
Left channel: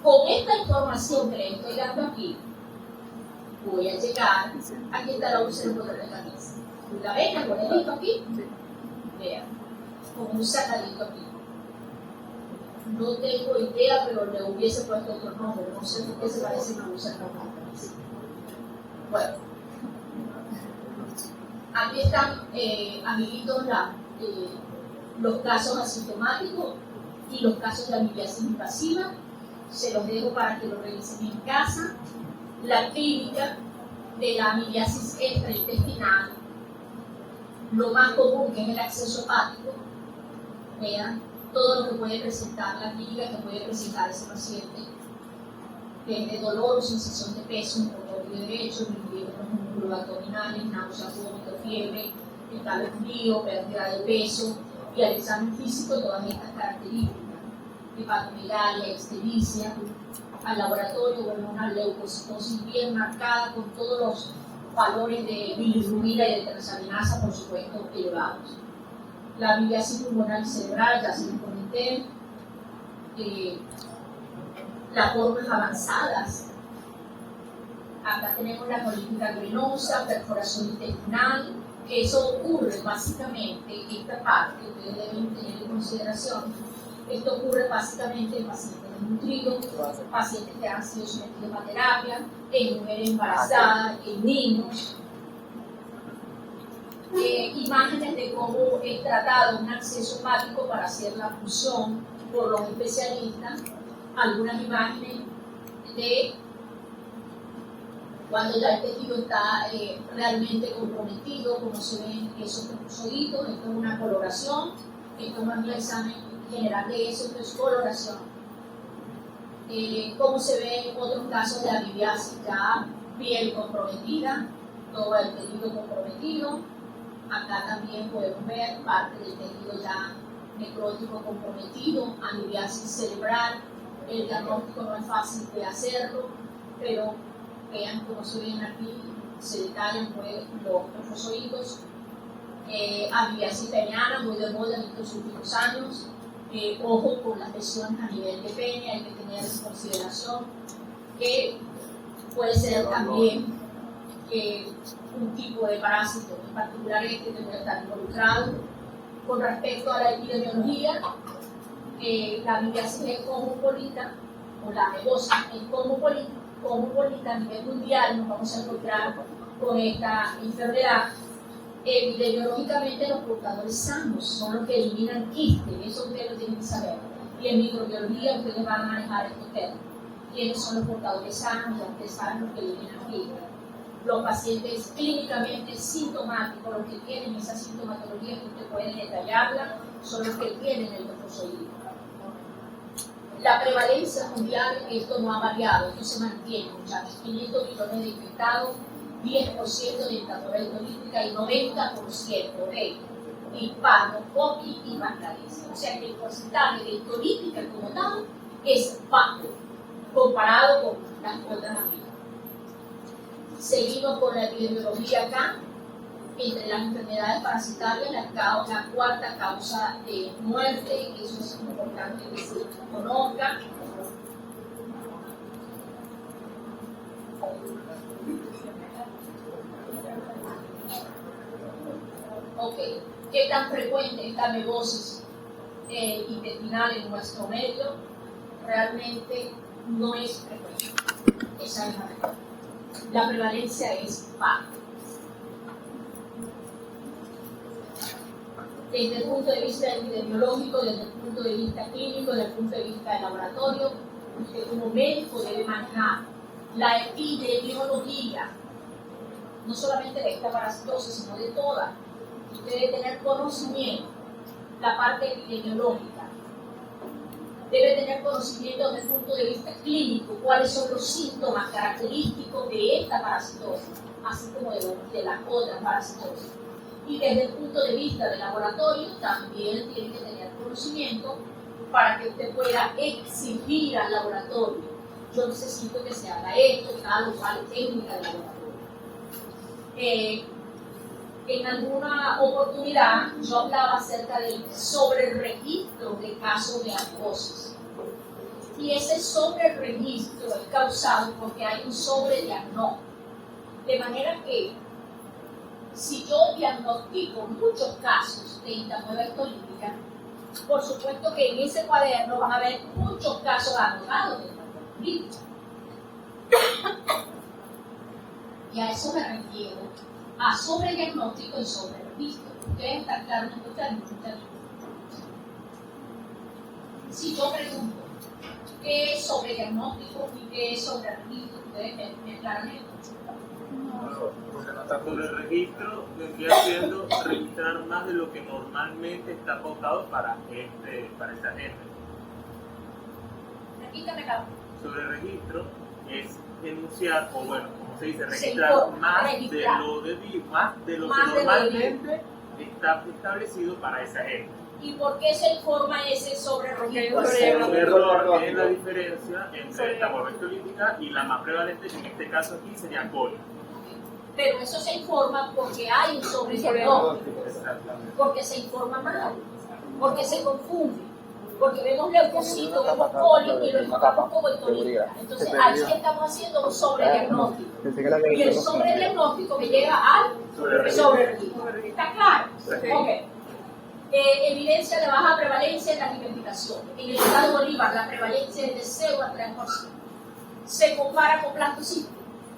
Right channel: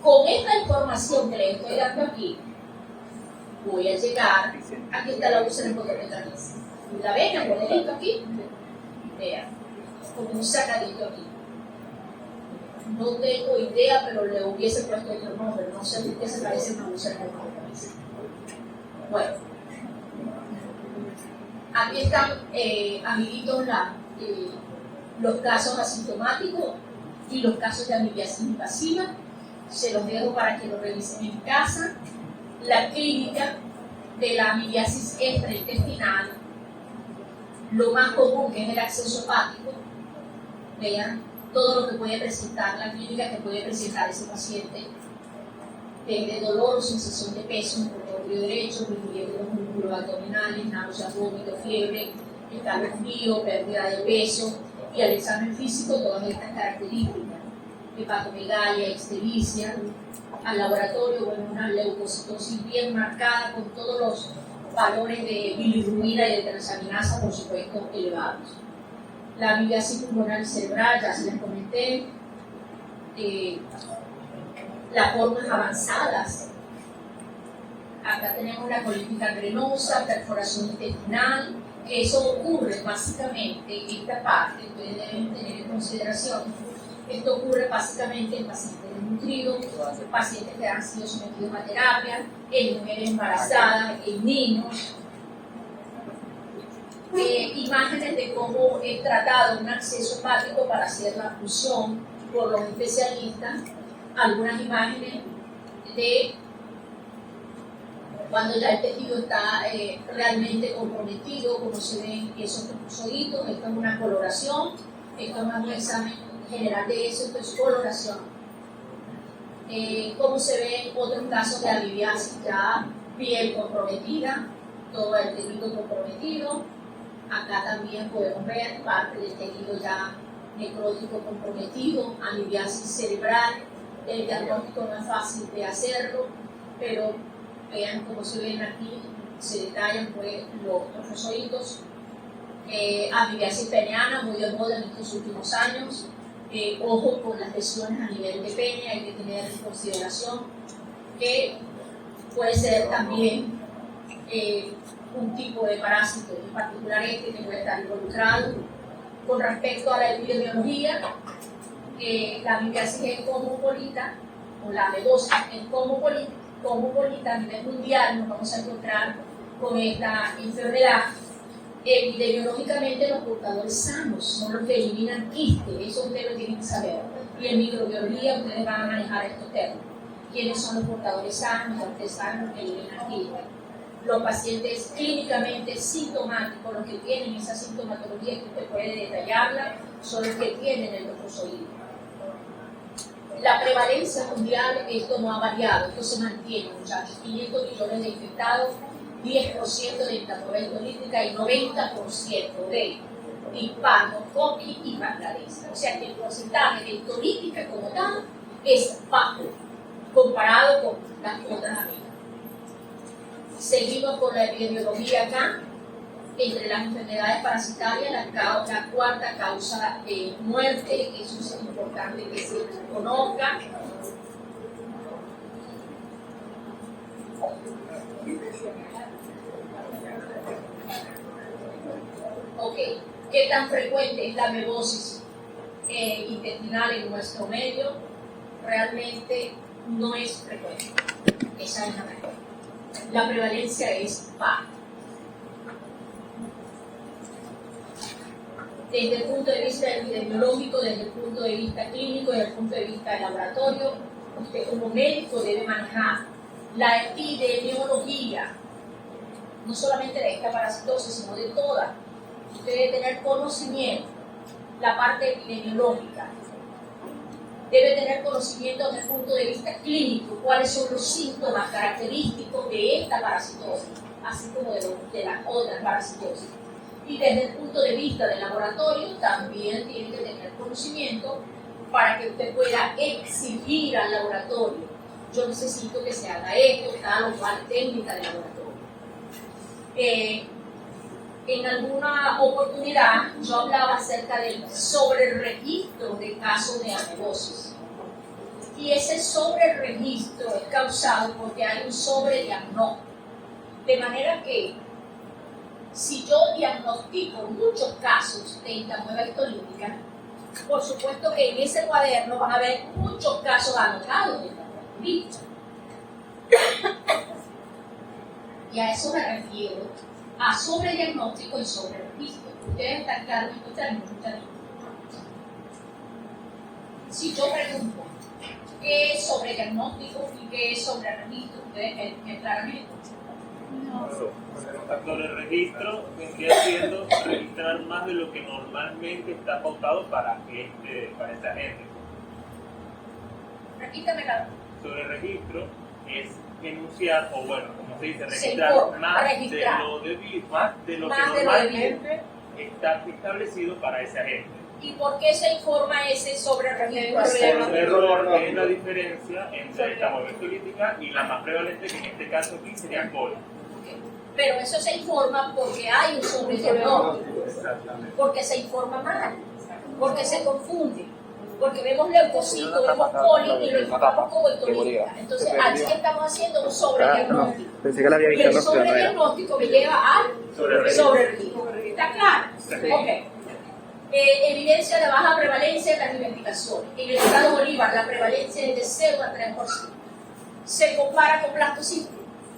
Con esta información que les estoy dando aquí, voy a llegar, aquí está la úlcera hipocondritis. ¿La ven? El modelito aquí. Vean, con un sacadito aquí. No tengo idea, pero le hubiese puesto otro nombre. No sé por qué se parece a una úlcera hipocondritis. Bueno, aquí están, amiguitos, los casos asintomáticos y los casos de amibiasis invasiva. Se los dejo para que lo revisen en casa. La clínica de la amibiasis extraintestinal, lo más común que es el acceso hepático. Vean todo lo que puede presentar la clínica que puede presentar ese paciente, desde dolor o sensación de peso en el ovario derecho, disminuir los músculos abdominales, náuseas, vómito, fiebre, escalofrío, pérdida de peso, y al examen físico todas estas características, hepatomegalia, ictericia, al laboratorio, bueno, una leucocitosis bien marcada con todos los valores de bilirrubina y de transaminasa, por supuesto, elevados. La amibiasis pulmonar cerebral, ya se les comenté, las formas avanzadas. Acá tenemos la colitis gangrenosa, perforación intestinal, que eso ocurre básicamente, esta parte, ustedes deben tener en consideración, esto ocurre básicamente en pacientes desnutridos, pacientes que han sido sometidos a terapia, en mujeres embarazadas, en niños. Imágenes de cómo es tratado un acceso hepático para hacer la función por los especialistas, algunas imágenes de cuando ya el tejido está realmente comprometido, como se ven esos mucositos. Esto es una coloración, esto no es un examen general de eso, esto es coloración. Como se ven otros casos de amibiasis, ya piel comprometida, todo el tejido comprometido. Acá también podemos ver parte del tejido ya necrótico comprometido, amibiasis cerebral. El diagnóstico no es fácil de hacerlo, pero vean cómo se ven aquí, se detallan pues, los trofosóidos. Amibiasis peniana, muy de moda en estos últimos años. Ojo con las lesiones a nivel de pene, hay que tener en consideración que puede ser también un tipo de parásito, en particular este que puede estar involucrado. Con respecto a la epidemiología, la amibiasis es cosmopolita, o la amebosis es cosmopolita a nivel mundial. Nos vamos a encontrar con esta enfermedad. Epidemiológicamente, los portadores sanos son los que eliminan quistes, eso ustedes lo tienen que saber. Y en microbiología ustedes van a manejar estos términos. ¿Quiénes son los portadores sanos? Los que saben los que eliminan quistes. Los pacientes clínicamente sintomáticos, los que tienen esa sintomatología que usted puede detallarla, son los que tienen el trofozoide. La prevalencia mundial, esto no ha variado, esto se mantiene, muchachos. 500 millones de infectados, 10% de dictadura política y 90% de hispanos, coquis y bangladesas. O sea que el porcentaje de histolítica como tal es bajo comparado con las otras amigas. Seguimos con la epidemiología acá. Entre las enfermedades parasitarias, la cuarta causa de muerte, eso es importante que se conozca. Ok, ¿qué tan frecuente es la amebosis intestinal en nuestro medio? Realmente no es frecuente. Esa es la verdad. La prevalencia es baja. Desde el punto de vista epidemiológico, desde el punto de vista clínico, desde el punto de vista del laboratorio, usted como médico debe manejar la epidemiología, no solamente de esta parasitosis, sino de toda. Usted debe tener conocimiento, la parte epidemiológica. debe tener conocimiento desde el punto de vista clínico, cuáles son los síntomas característicos de esta parasitosis, así como de las otras parasitosis. Y desde el punto de vista del laboratorio, también tiene que tener conocimiento para que usted pueda exigir al laboratorio: yo necesito que se haga esto, tal o cual técnica de laboratorio. En alguna oportunidad yo hablaba acerca del sobreregistro de casos de amebosis. Y ese sobreregistro es causado porque hay un sobrediagnóstico. De manera que si yo diagnostico muchos casos de entamoeba histolítica, por supuesto que en ese cuaderno van a haber muchos casos anotados de entamoeba histolítica. Y a eso me refiero, a sobrediagnóstico y sobreregistro. Ustedes están claros en estos términos. Si yo pregunto qué es sobrediagnóstico y qué es sobreregistro, ustedes me aclaran esto. Sobre el registro vendría siendo registrar más de lo que normalmente está pautado para esta gente. Repítame la. Sobre el registro es enunciar, o bueno, como se dice, Se registrar informa, más registrar. de lo debido, más de lo Más que de lo normalmente está establecido para esa gente. ¿Y por qué se informa ese sobreregistro? Un error es la diferencia entre entamoeba histolítica y la más prevalente, que en este caso aquí sería coli. Pero eso se informa porque hay un sobrediagnóstico, Exactamente. porque se informa mal, porque se confunde, porque vemos leucocito, vemos coli y lo informamos como histolítica. Entonces allí estamos haciendo un sobrediagnóstico. Pensé que la había Y el visto, pero no era. sobrediagnóstico me lleva al sobreregistro. ¿Está claro? Ok. Evidencia de baja prevalencia en las investigaciones. En el estado de Bolívar la prevalencia es de 0 a 3%. ¿Se compara con plastocito?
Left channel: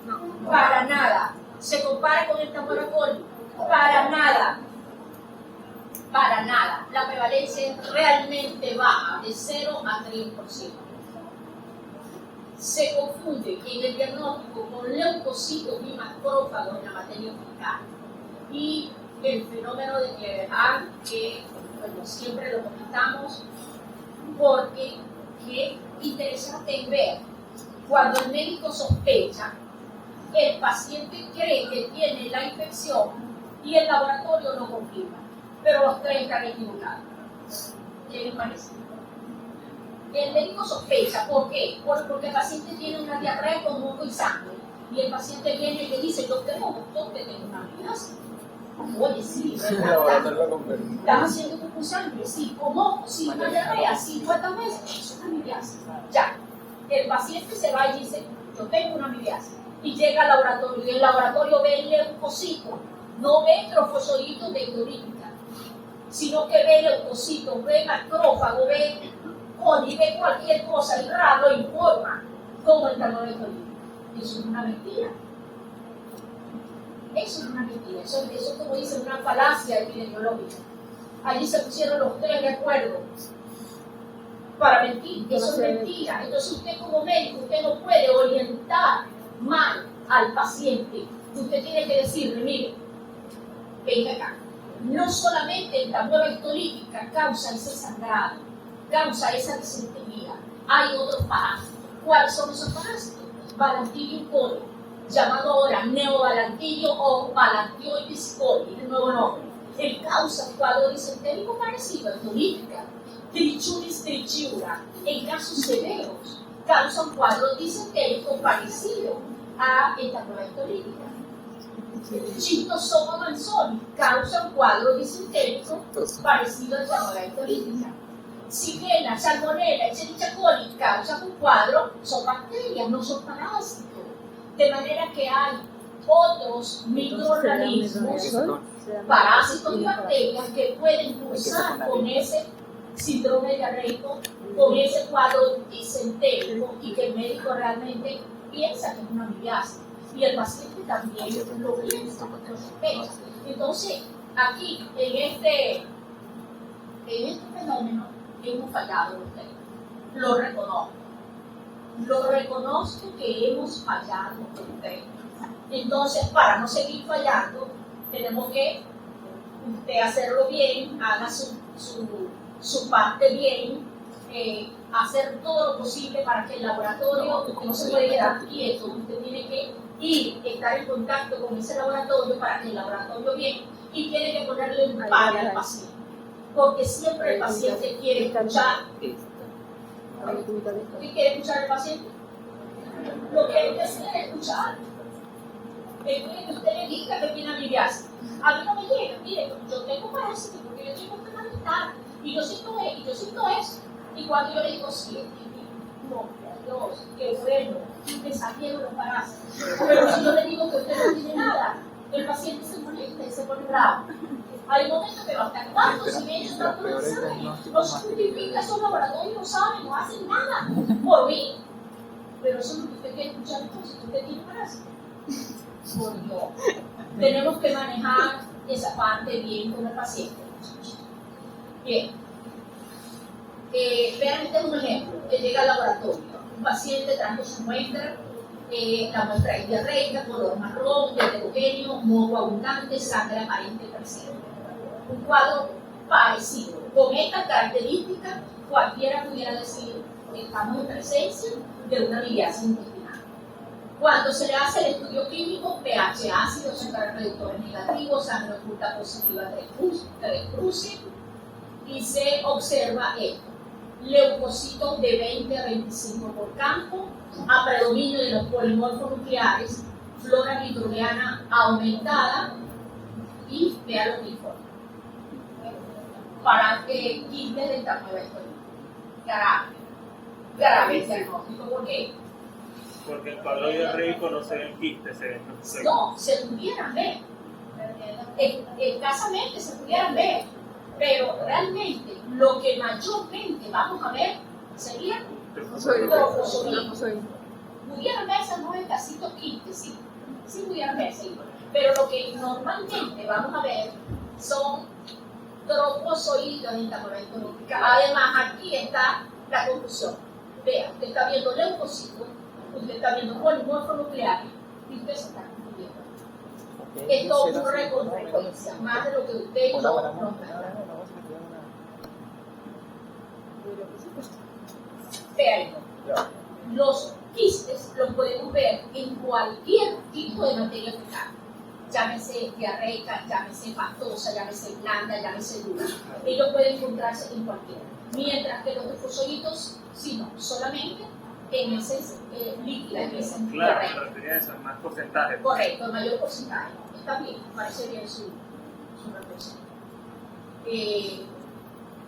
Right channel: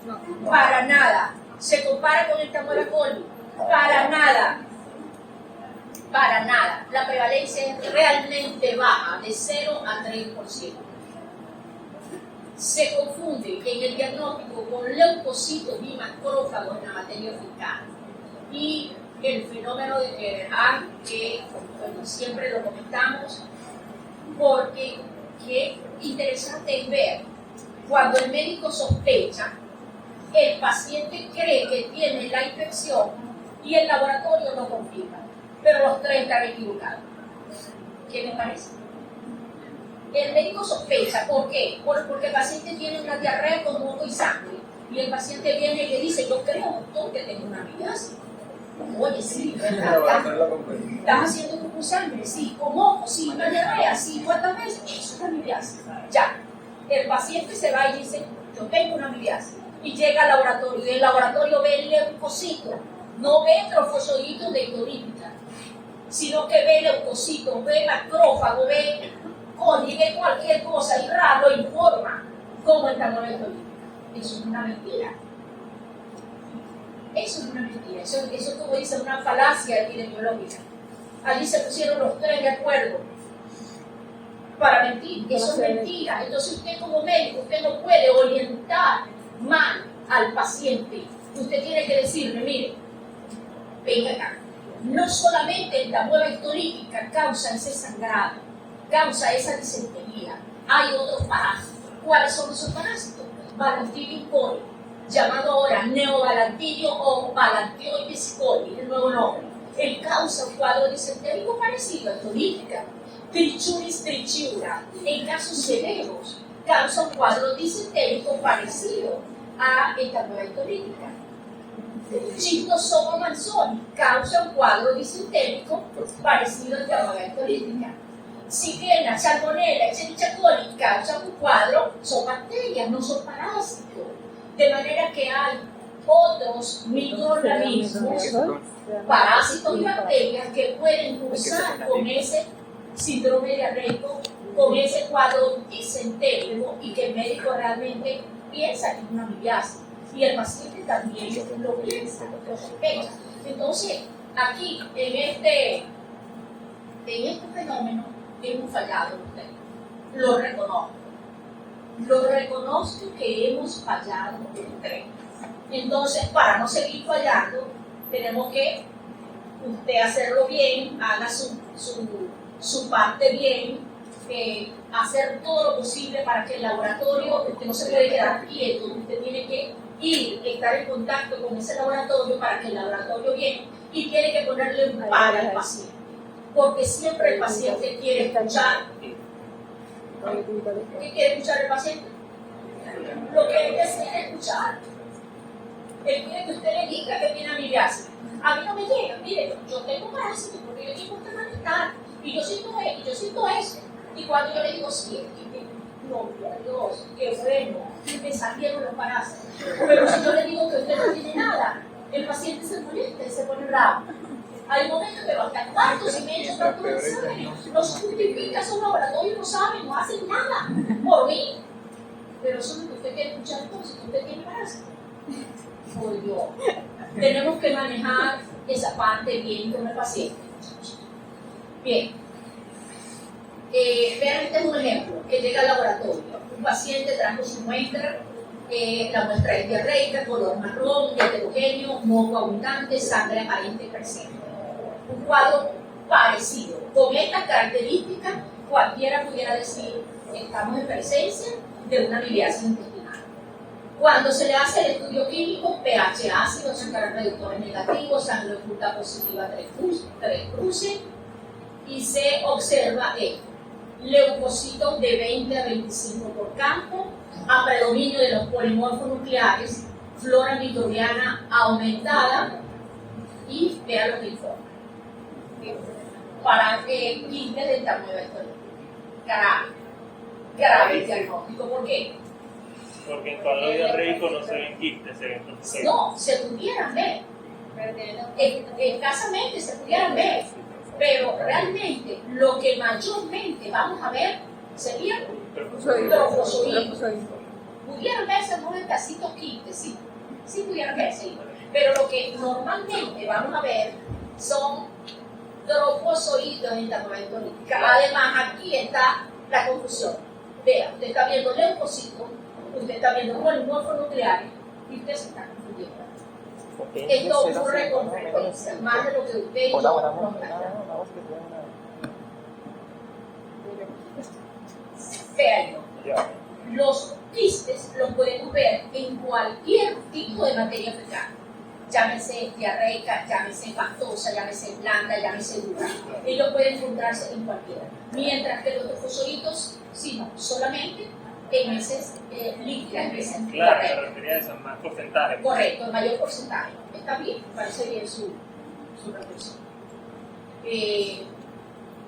No. Para nada. ¿Se compara con entamoeba coli? Para nada. Para nada. La prevalencia es realmente baja, de 0 a 3%. Se confunde en el diagnóstico con leucocitos y macrófagos en la materia fecal. Y el fenómeno de Cleveland, que bueno, siempre lo comentamos, porque qué interesante es ver cuando el médico sospecha, el paciente cree que tiene la infección y el laboratorio no confirma, pero los 3 están equivocados. ¿Qué les parece? El médico sospecha, ¿por qué? Porque el paciente tiene una diarrea con moco y sangre y el paciente viene y le dice: yo creo, doctor, que tengo una amigasia. Oye, sí, ¿verdad? ¿Estás haciendo tu sangre? Sí. ¿Con moco? Sí. ¿Una diarrea? Sí. ¿Cuántas veces? Eso es una amigasia. Ya. El paciente se va y dice: yo tengo una amigasia. Y llega al laboratorio, y el laboratorio ve el leucocito, no ve trofozoitos de histolítica, sino que ve leucocitos, ve macrófago, ve coli, ve cualquier cosa y raro lo informa como entamoeba histolítica. Eso es una mentira. Eso es una mentira. Eso es como dice una falacia epidemiológica. Allí se pusieron los 3 de acuerdo para mentir. Eso es mentira. Entonces usted como médico, usted no puede orientar mal al paciente. Usted tiene que decirle: mire, venga acá. No solamente entamoeba histolítica causa ese sangrado, causa esa disentería. Hay otros parásitos. ¿Cuáles son esos parásitos? Balantidium coli, llamado ahora neobalantidio o balantioides coli, el nuevo nombre. Él causa un cuadro disentérico parecido a histolítica. Trichuris trichiura, en casos severos, causa un cuadro disentérico parecido a entamoeba histolítica. Schistosoma manzoni causa un cuadro disentérico parecido a entamoeba histolítica. Shigella, Salmonella, Escherichia coli causan un cuadro, son bacterias, no son parásitos. De manera que hay otros microorganismos, parásitos y bacterias que pueden cursar con ese síndrome diarreico, con ese cuadro disentérico, y que el médico realmente piensa que es una amibiasis. Y el paciente también lo piensa, lo sospecha. Entonces, aquí, en este fenómeno, hemos fallado usted. Lo reconozco. Lo reconozco que hemos fallado usted. Entonces, para no seguir fallando, tenemos que usted hacerlo bien, haga su parte bien, hacer todo lo posible para que el laboratorio, usted no se puede quedar quieto, usted tiene que ir, estar en contacto con ese laboratorio para que el laboratorio viene y tiene que ponerle un par al paciente, porque siempre el paciente quiere escuchar. ¿Qué quiere escuchar el paciente? Lo que él quiere escuchar. Él quiere que usted le diga que tiene amibiasis. A mí no me llega, mire, yo tengo parásitos porque yo tengo este malestar y yo siento eso. Y cuando yo le digo, sí, gloria a Dios, qué bueno, me salieron los parásitos. Pero si yo le digo que usted no tiene nada, el paciente se molesta y se pone bravo. Hay momentos que hasta cuartos y medio tanto de exámenes, no se justifica, esos laboratorios no saben, no hacen nada por mí. Pero eso es lo que usted quiere escuchar entonces, usted tiene parásitos. Por Dios, tenemos que manejar esa parte bien con el paciente. Bien. Vean, este es un ejemplo que llega al laboratorio. Un paciente trajo su muestra, la muestra es diarreica, color marrón, heterogéneo, moco abundante, sangre aparente presente. Un cuadro parecido. Con estas características, cualquiera pudiera decir que estamos en presencia de una amibiasis intestinal. Cuando se le hace el estudio clínico, pH ácido, sangre reductores negativos, sangre oculta positiva 3 cruces, y se observa esto. Leucocitos de 20 a 25 por campo, a predominio de los polimorfos nucleares, flora microbiana aumentada, y vean lo que informa. Para quistes del tamaño de esto. Grave diagnóstico. ¿Por qué? Porque el cuadro diarreico no se ven quistes, se ven perfectos. No, se pudieran ver. Escasamente se pudieran ver. Pero realmente lo que mayormente vamos a ver sería trofozoides. Pudieran verse no en casitos quistes, sí pudieran verse. Pero lo que normalmente vamos a ver son trofozoides en tamaño. Además, aquí está la confusión. Vea, usted está viendo leucocitos, usted está viendo polimorfos nucleares y usted se está confundiendo. Esto ocurre con frecuencia, más de lo que usted y yo nos Vean, los quistes los podemos ver en cualquier tipo de materia fecal. Llámese diarreica, llámese pastosa, llámese blanda, llámese dura. Ellos pueden encontrarse en cualquiera. Mientras que los trofozoitos, sí, no, solamente en heces líquidas, en heces Claro, me refería a eso, más porcentaje. Correcto, el mayor porcentaje. Está bien, parece bien su reflexión.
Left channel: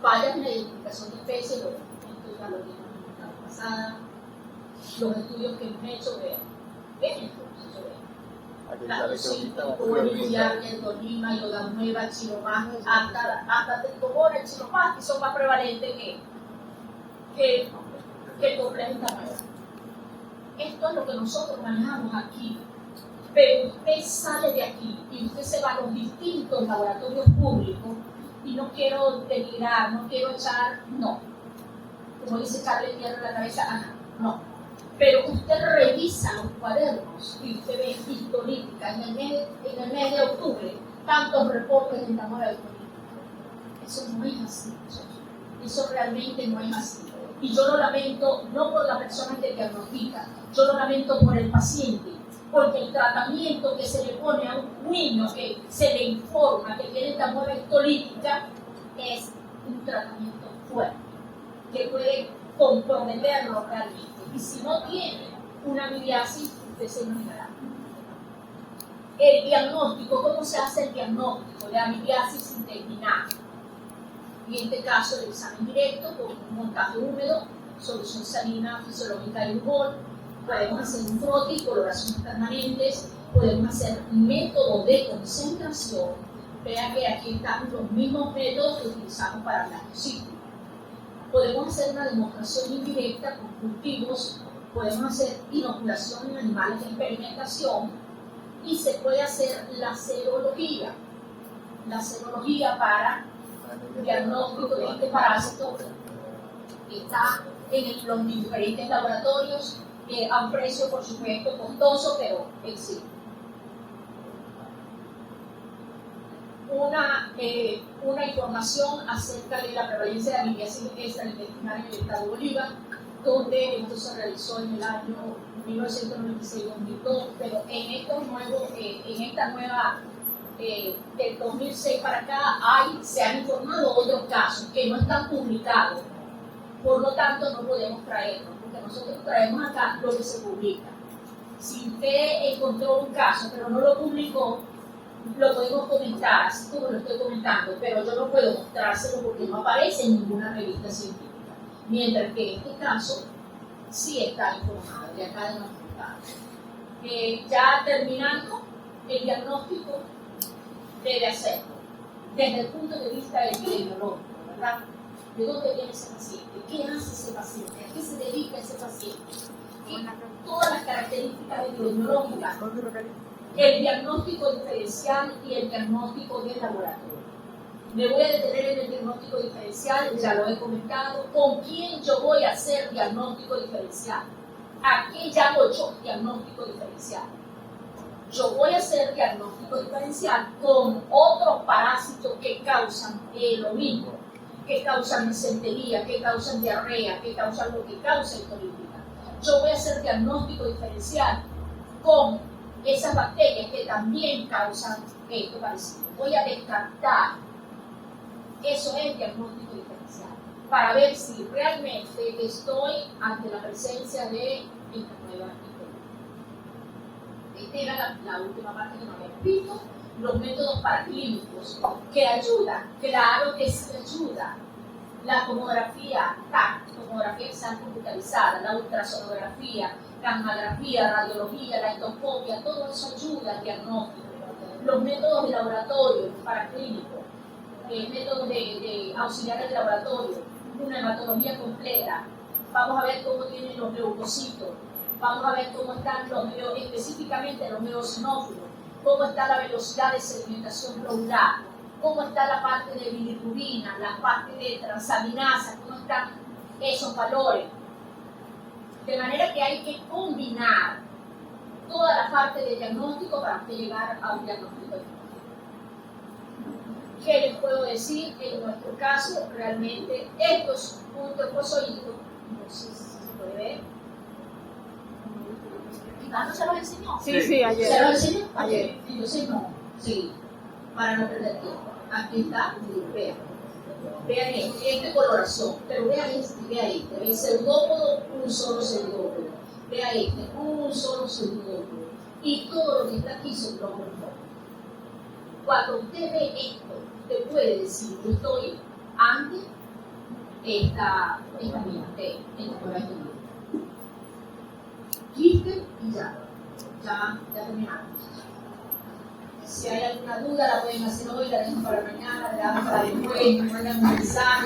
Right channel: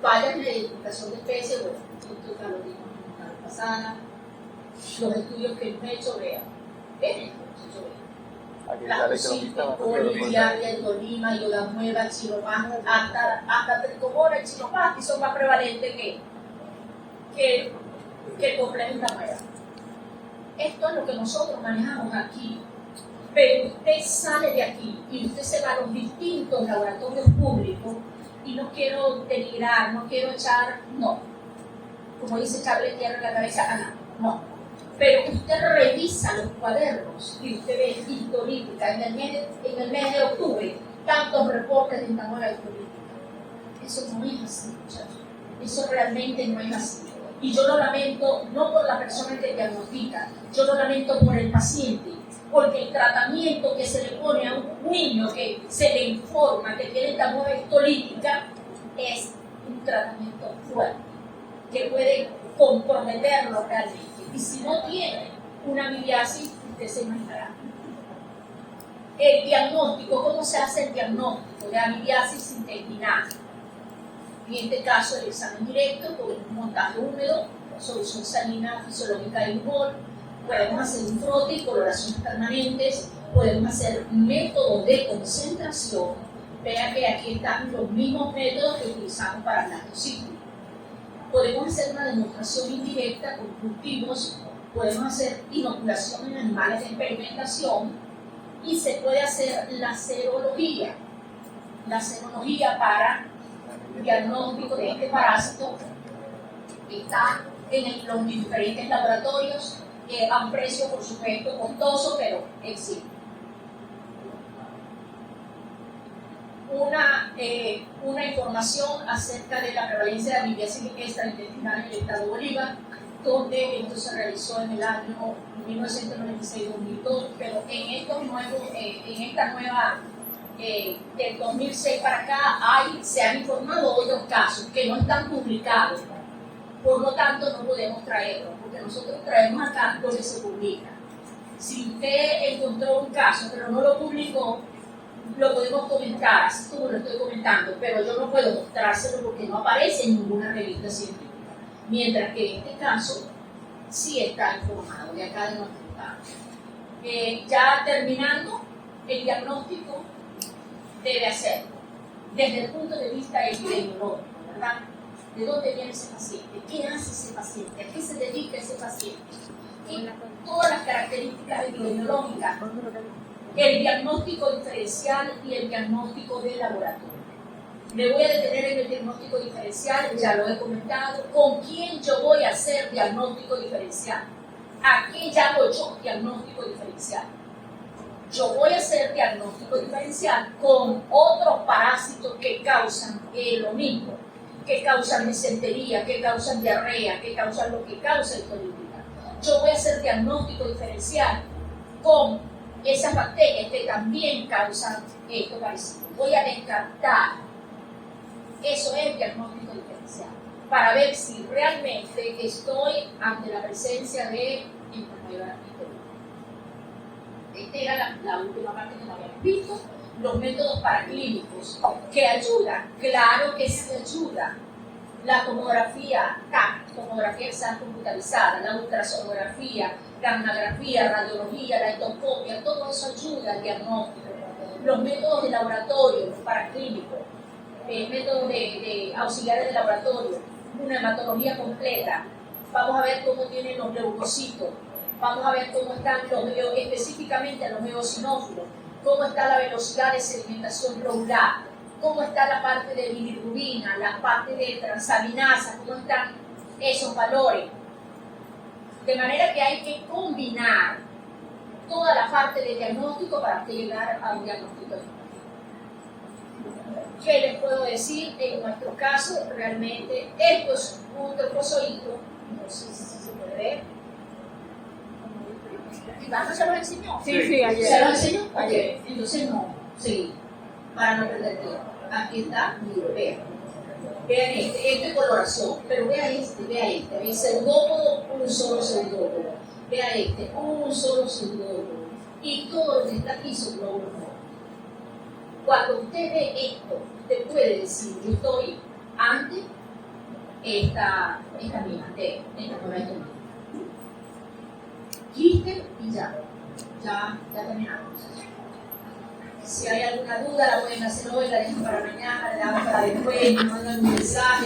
Fallas en la identificación de especies, bueno, esto ya lo vimos la vez pasada. Los estudios que hemos hecho, vean esto, la cosita, el Tolima, Yoda Nueva, Chiromás, hasta Tricobora y Chiromás, que son más prevalentes que el complejo intestinal. Esto es lo que nosotros manejamos aquí. Pero usted sale de aquí y usted se va a los distintos laboratorios públicos y no quiero denigrar, no quiero echar, no. Como dice Charles, tierra en la cabeza a nadie, no. Pero usted revisa los cuadernos y usted ve histolítica en el mes de octubre, tantos reportes de esta histolítica. Eso no es así, muchachos. Eso realmente no es así. Y yo lo lamento no por la persona que diagnostica, yo lo lamento por el paciente, porque el tratamiento que se le pone a un niño que se le informa que tiene esta mueva histolítica es un tratamiento fuerte, que puede comprometerlo realmente. Y si no tiene una amibiasis, usted se imaginará. El diagnóstico, ¿cómo se hace el diagnóstico de amibiasis intestinal? En este caso, el examen directo con un montaje húmedo, solución salina fisiológica de bol, podemos hacer un frote y coloraciones permanentes, podemos hacer métodos de concentración. Vean que aquí están los mismos métodos que utilizamos para el lactociclo. Podemos hacer una demostración indirecta con cultivos, podemos hacer inoculación en animales de experimentación y se puede hacer la serología para diagnóstico de este parásito. Está en los diferentes laboratorios a un precio, por supuesto, costoso, pero existe. una información acerca de la prevalencia de anemia extraintestinal en el estado Bolívar, donde esto se realizó en el año 1996-2002, pero en esta nueva, del 2006 para acá, se han informado otros casos que no están publicados, por lo tanto no podemos traerlos, porque nosotros traemos acá lo que se publica. Si usted encontró un caso pero no lo publicó, lo podemos comentar, así como lo estoy comentando, pero yo no puedo mostrárselo porque no aparece en ninguna revista científica. Mientras que en este caso sí está informado de acá de nuestro estado. Ya terminando, el diagnóstico debe hacerlo desde el punto de vista epidemiológico, ¿verdad? ¿De dónde viene ese paciente? ¿Qué hace ese paciente? ¿A qué se dedica ese paciente? Y todas las características epidemiológicas, el diagnóstico diferencial y el diagnóstico de laboratorio. Me voy a detener en el diagnóstico diferencial, ya lo he comentado. ¿Con quién yo voy a hacer diagnóstico diferencial? ¿A qué llamo yo diagnóstico diferencial? Yo voy a hacer diagnóstico diferencial con otros parásitos que causan lo mismo, que causan mesentería, que causan diarrea, que causan lo que causa histolytica. Yo voy a hacer diagnóstico diferencial con esas bacterias que también causan esto parecido. Voy a descartar. Eso es diagnóstico diferencial, para ver si realmente estoy ante la presencia de esta nueva histolytica. Esta era la última parte que no habíamos visto. Los métodos paraclínicos que ayudan, claro que sí ayuda. La tomografía TAC, tomografía exam computarizada, la ultrasonografía, gammagrafía, radiología, la endoscopia, todo eso ayuda al diagnóstico. Los métodos de laboratorio paraclínicos, métodos de auxiliares de laboratorio, una hematología completa. Vamos a ver cómo tienen los leucocitos, vamos a ver cómo están específicamente los eosinófilos, cómo está la velocidad de sedimentación globular, cómo está la parte de bilirrubina, la parte de transaminasa, cómo están esos valores. De manera que hay que combinar toda la parte de diagnóstico para llegar a un diagnóstico. ¿Qué les puedo decir? En nuestro caso, realmente, esto es un trofozoito, no sé si se puede ver. ¿Iván se los enseñó? Sí, ayer. ¿Se los enseñó? Ayer. Ok, entonces no, sí, para no perder tiempo. Aquí está, mire, vean. Vean este es coloración, pero vea este, el pseudópodo, un solo pseudópodo. Vea este, un solo pseudópodo. Y todo lo que está aquí son glóbulos rojos. Cuando usted ve esto, usted puede decir, yo estoy ante esta mina, esta coloración. Quiste y ya terminamos. Si hay alguna duda, la pueden hacer hoy, la dejan para mañana, la dejan para después, me mandan un mensaje.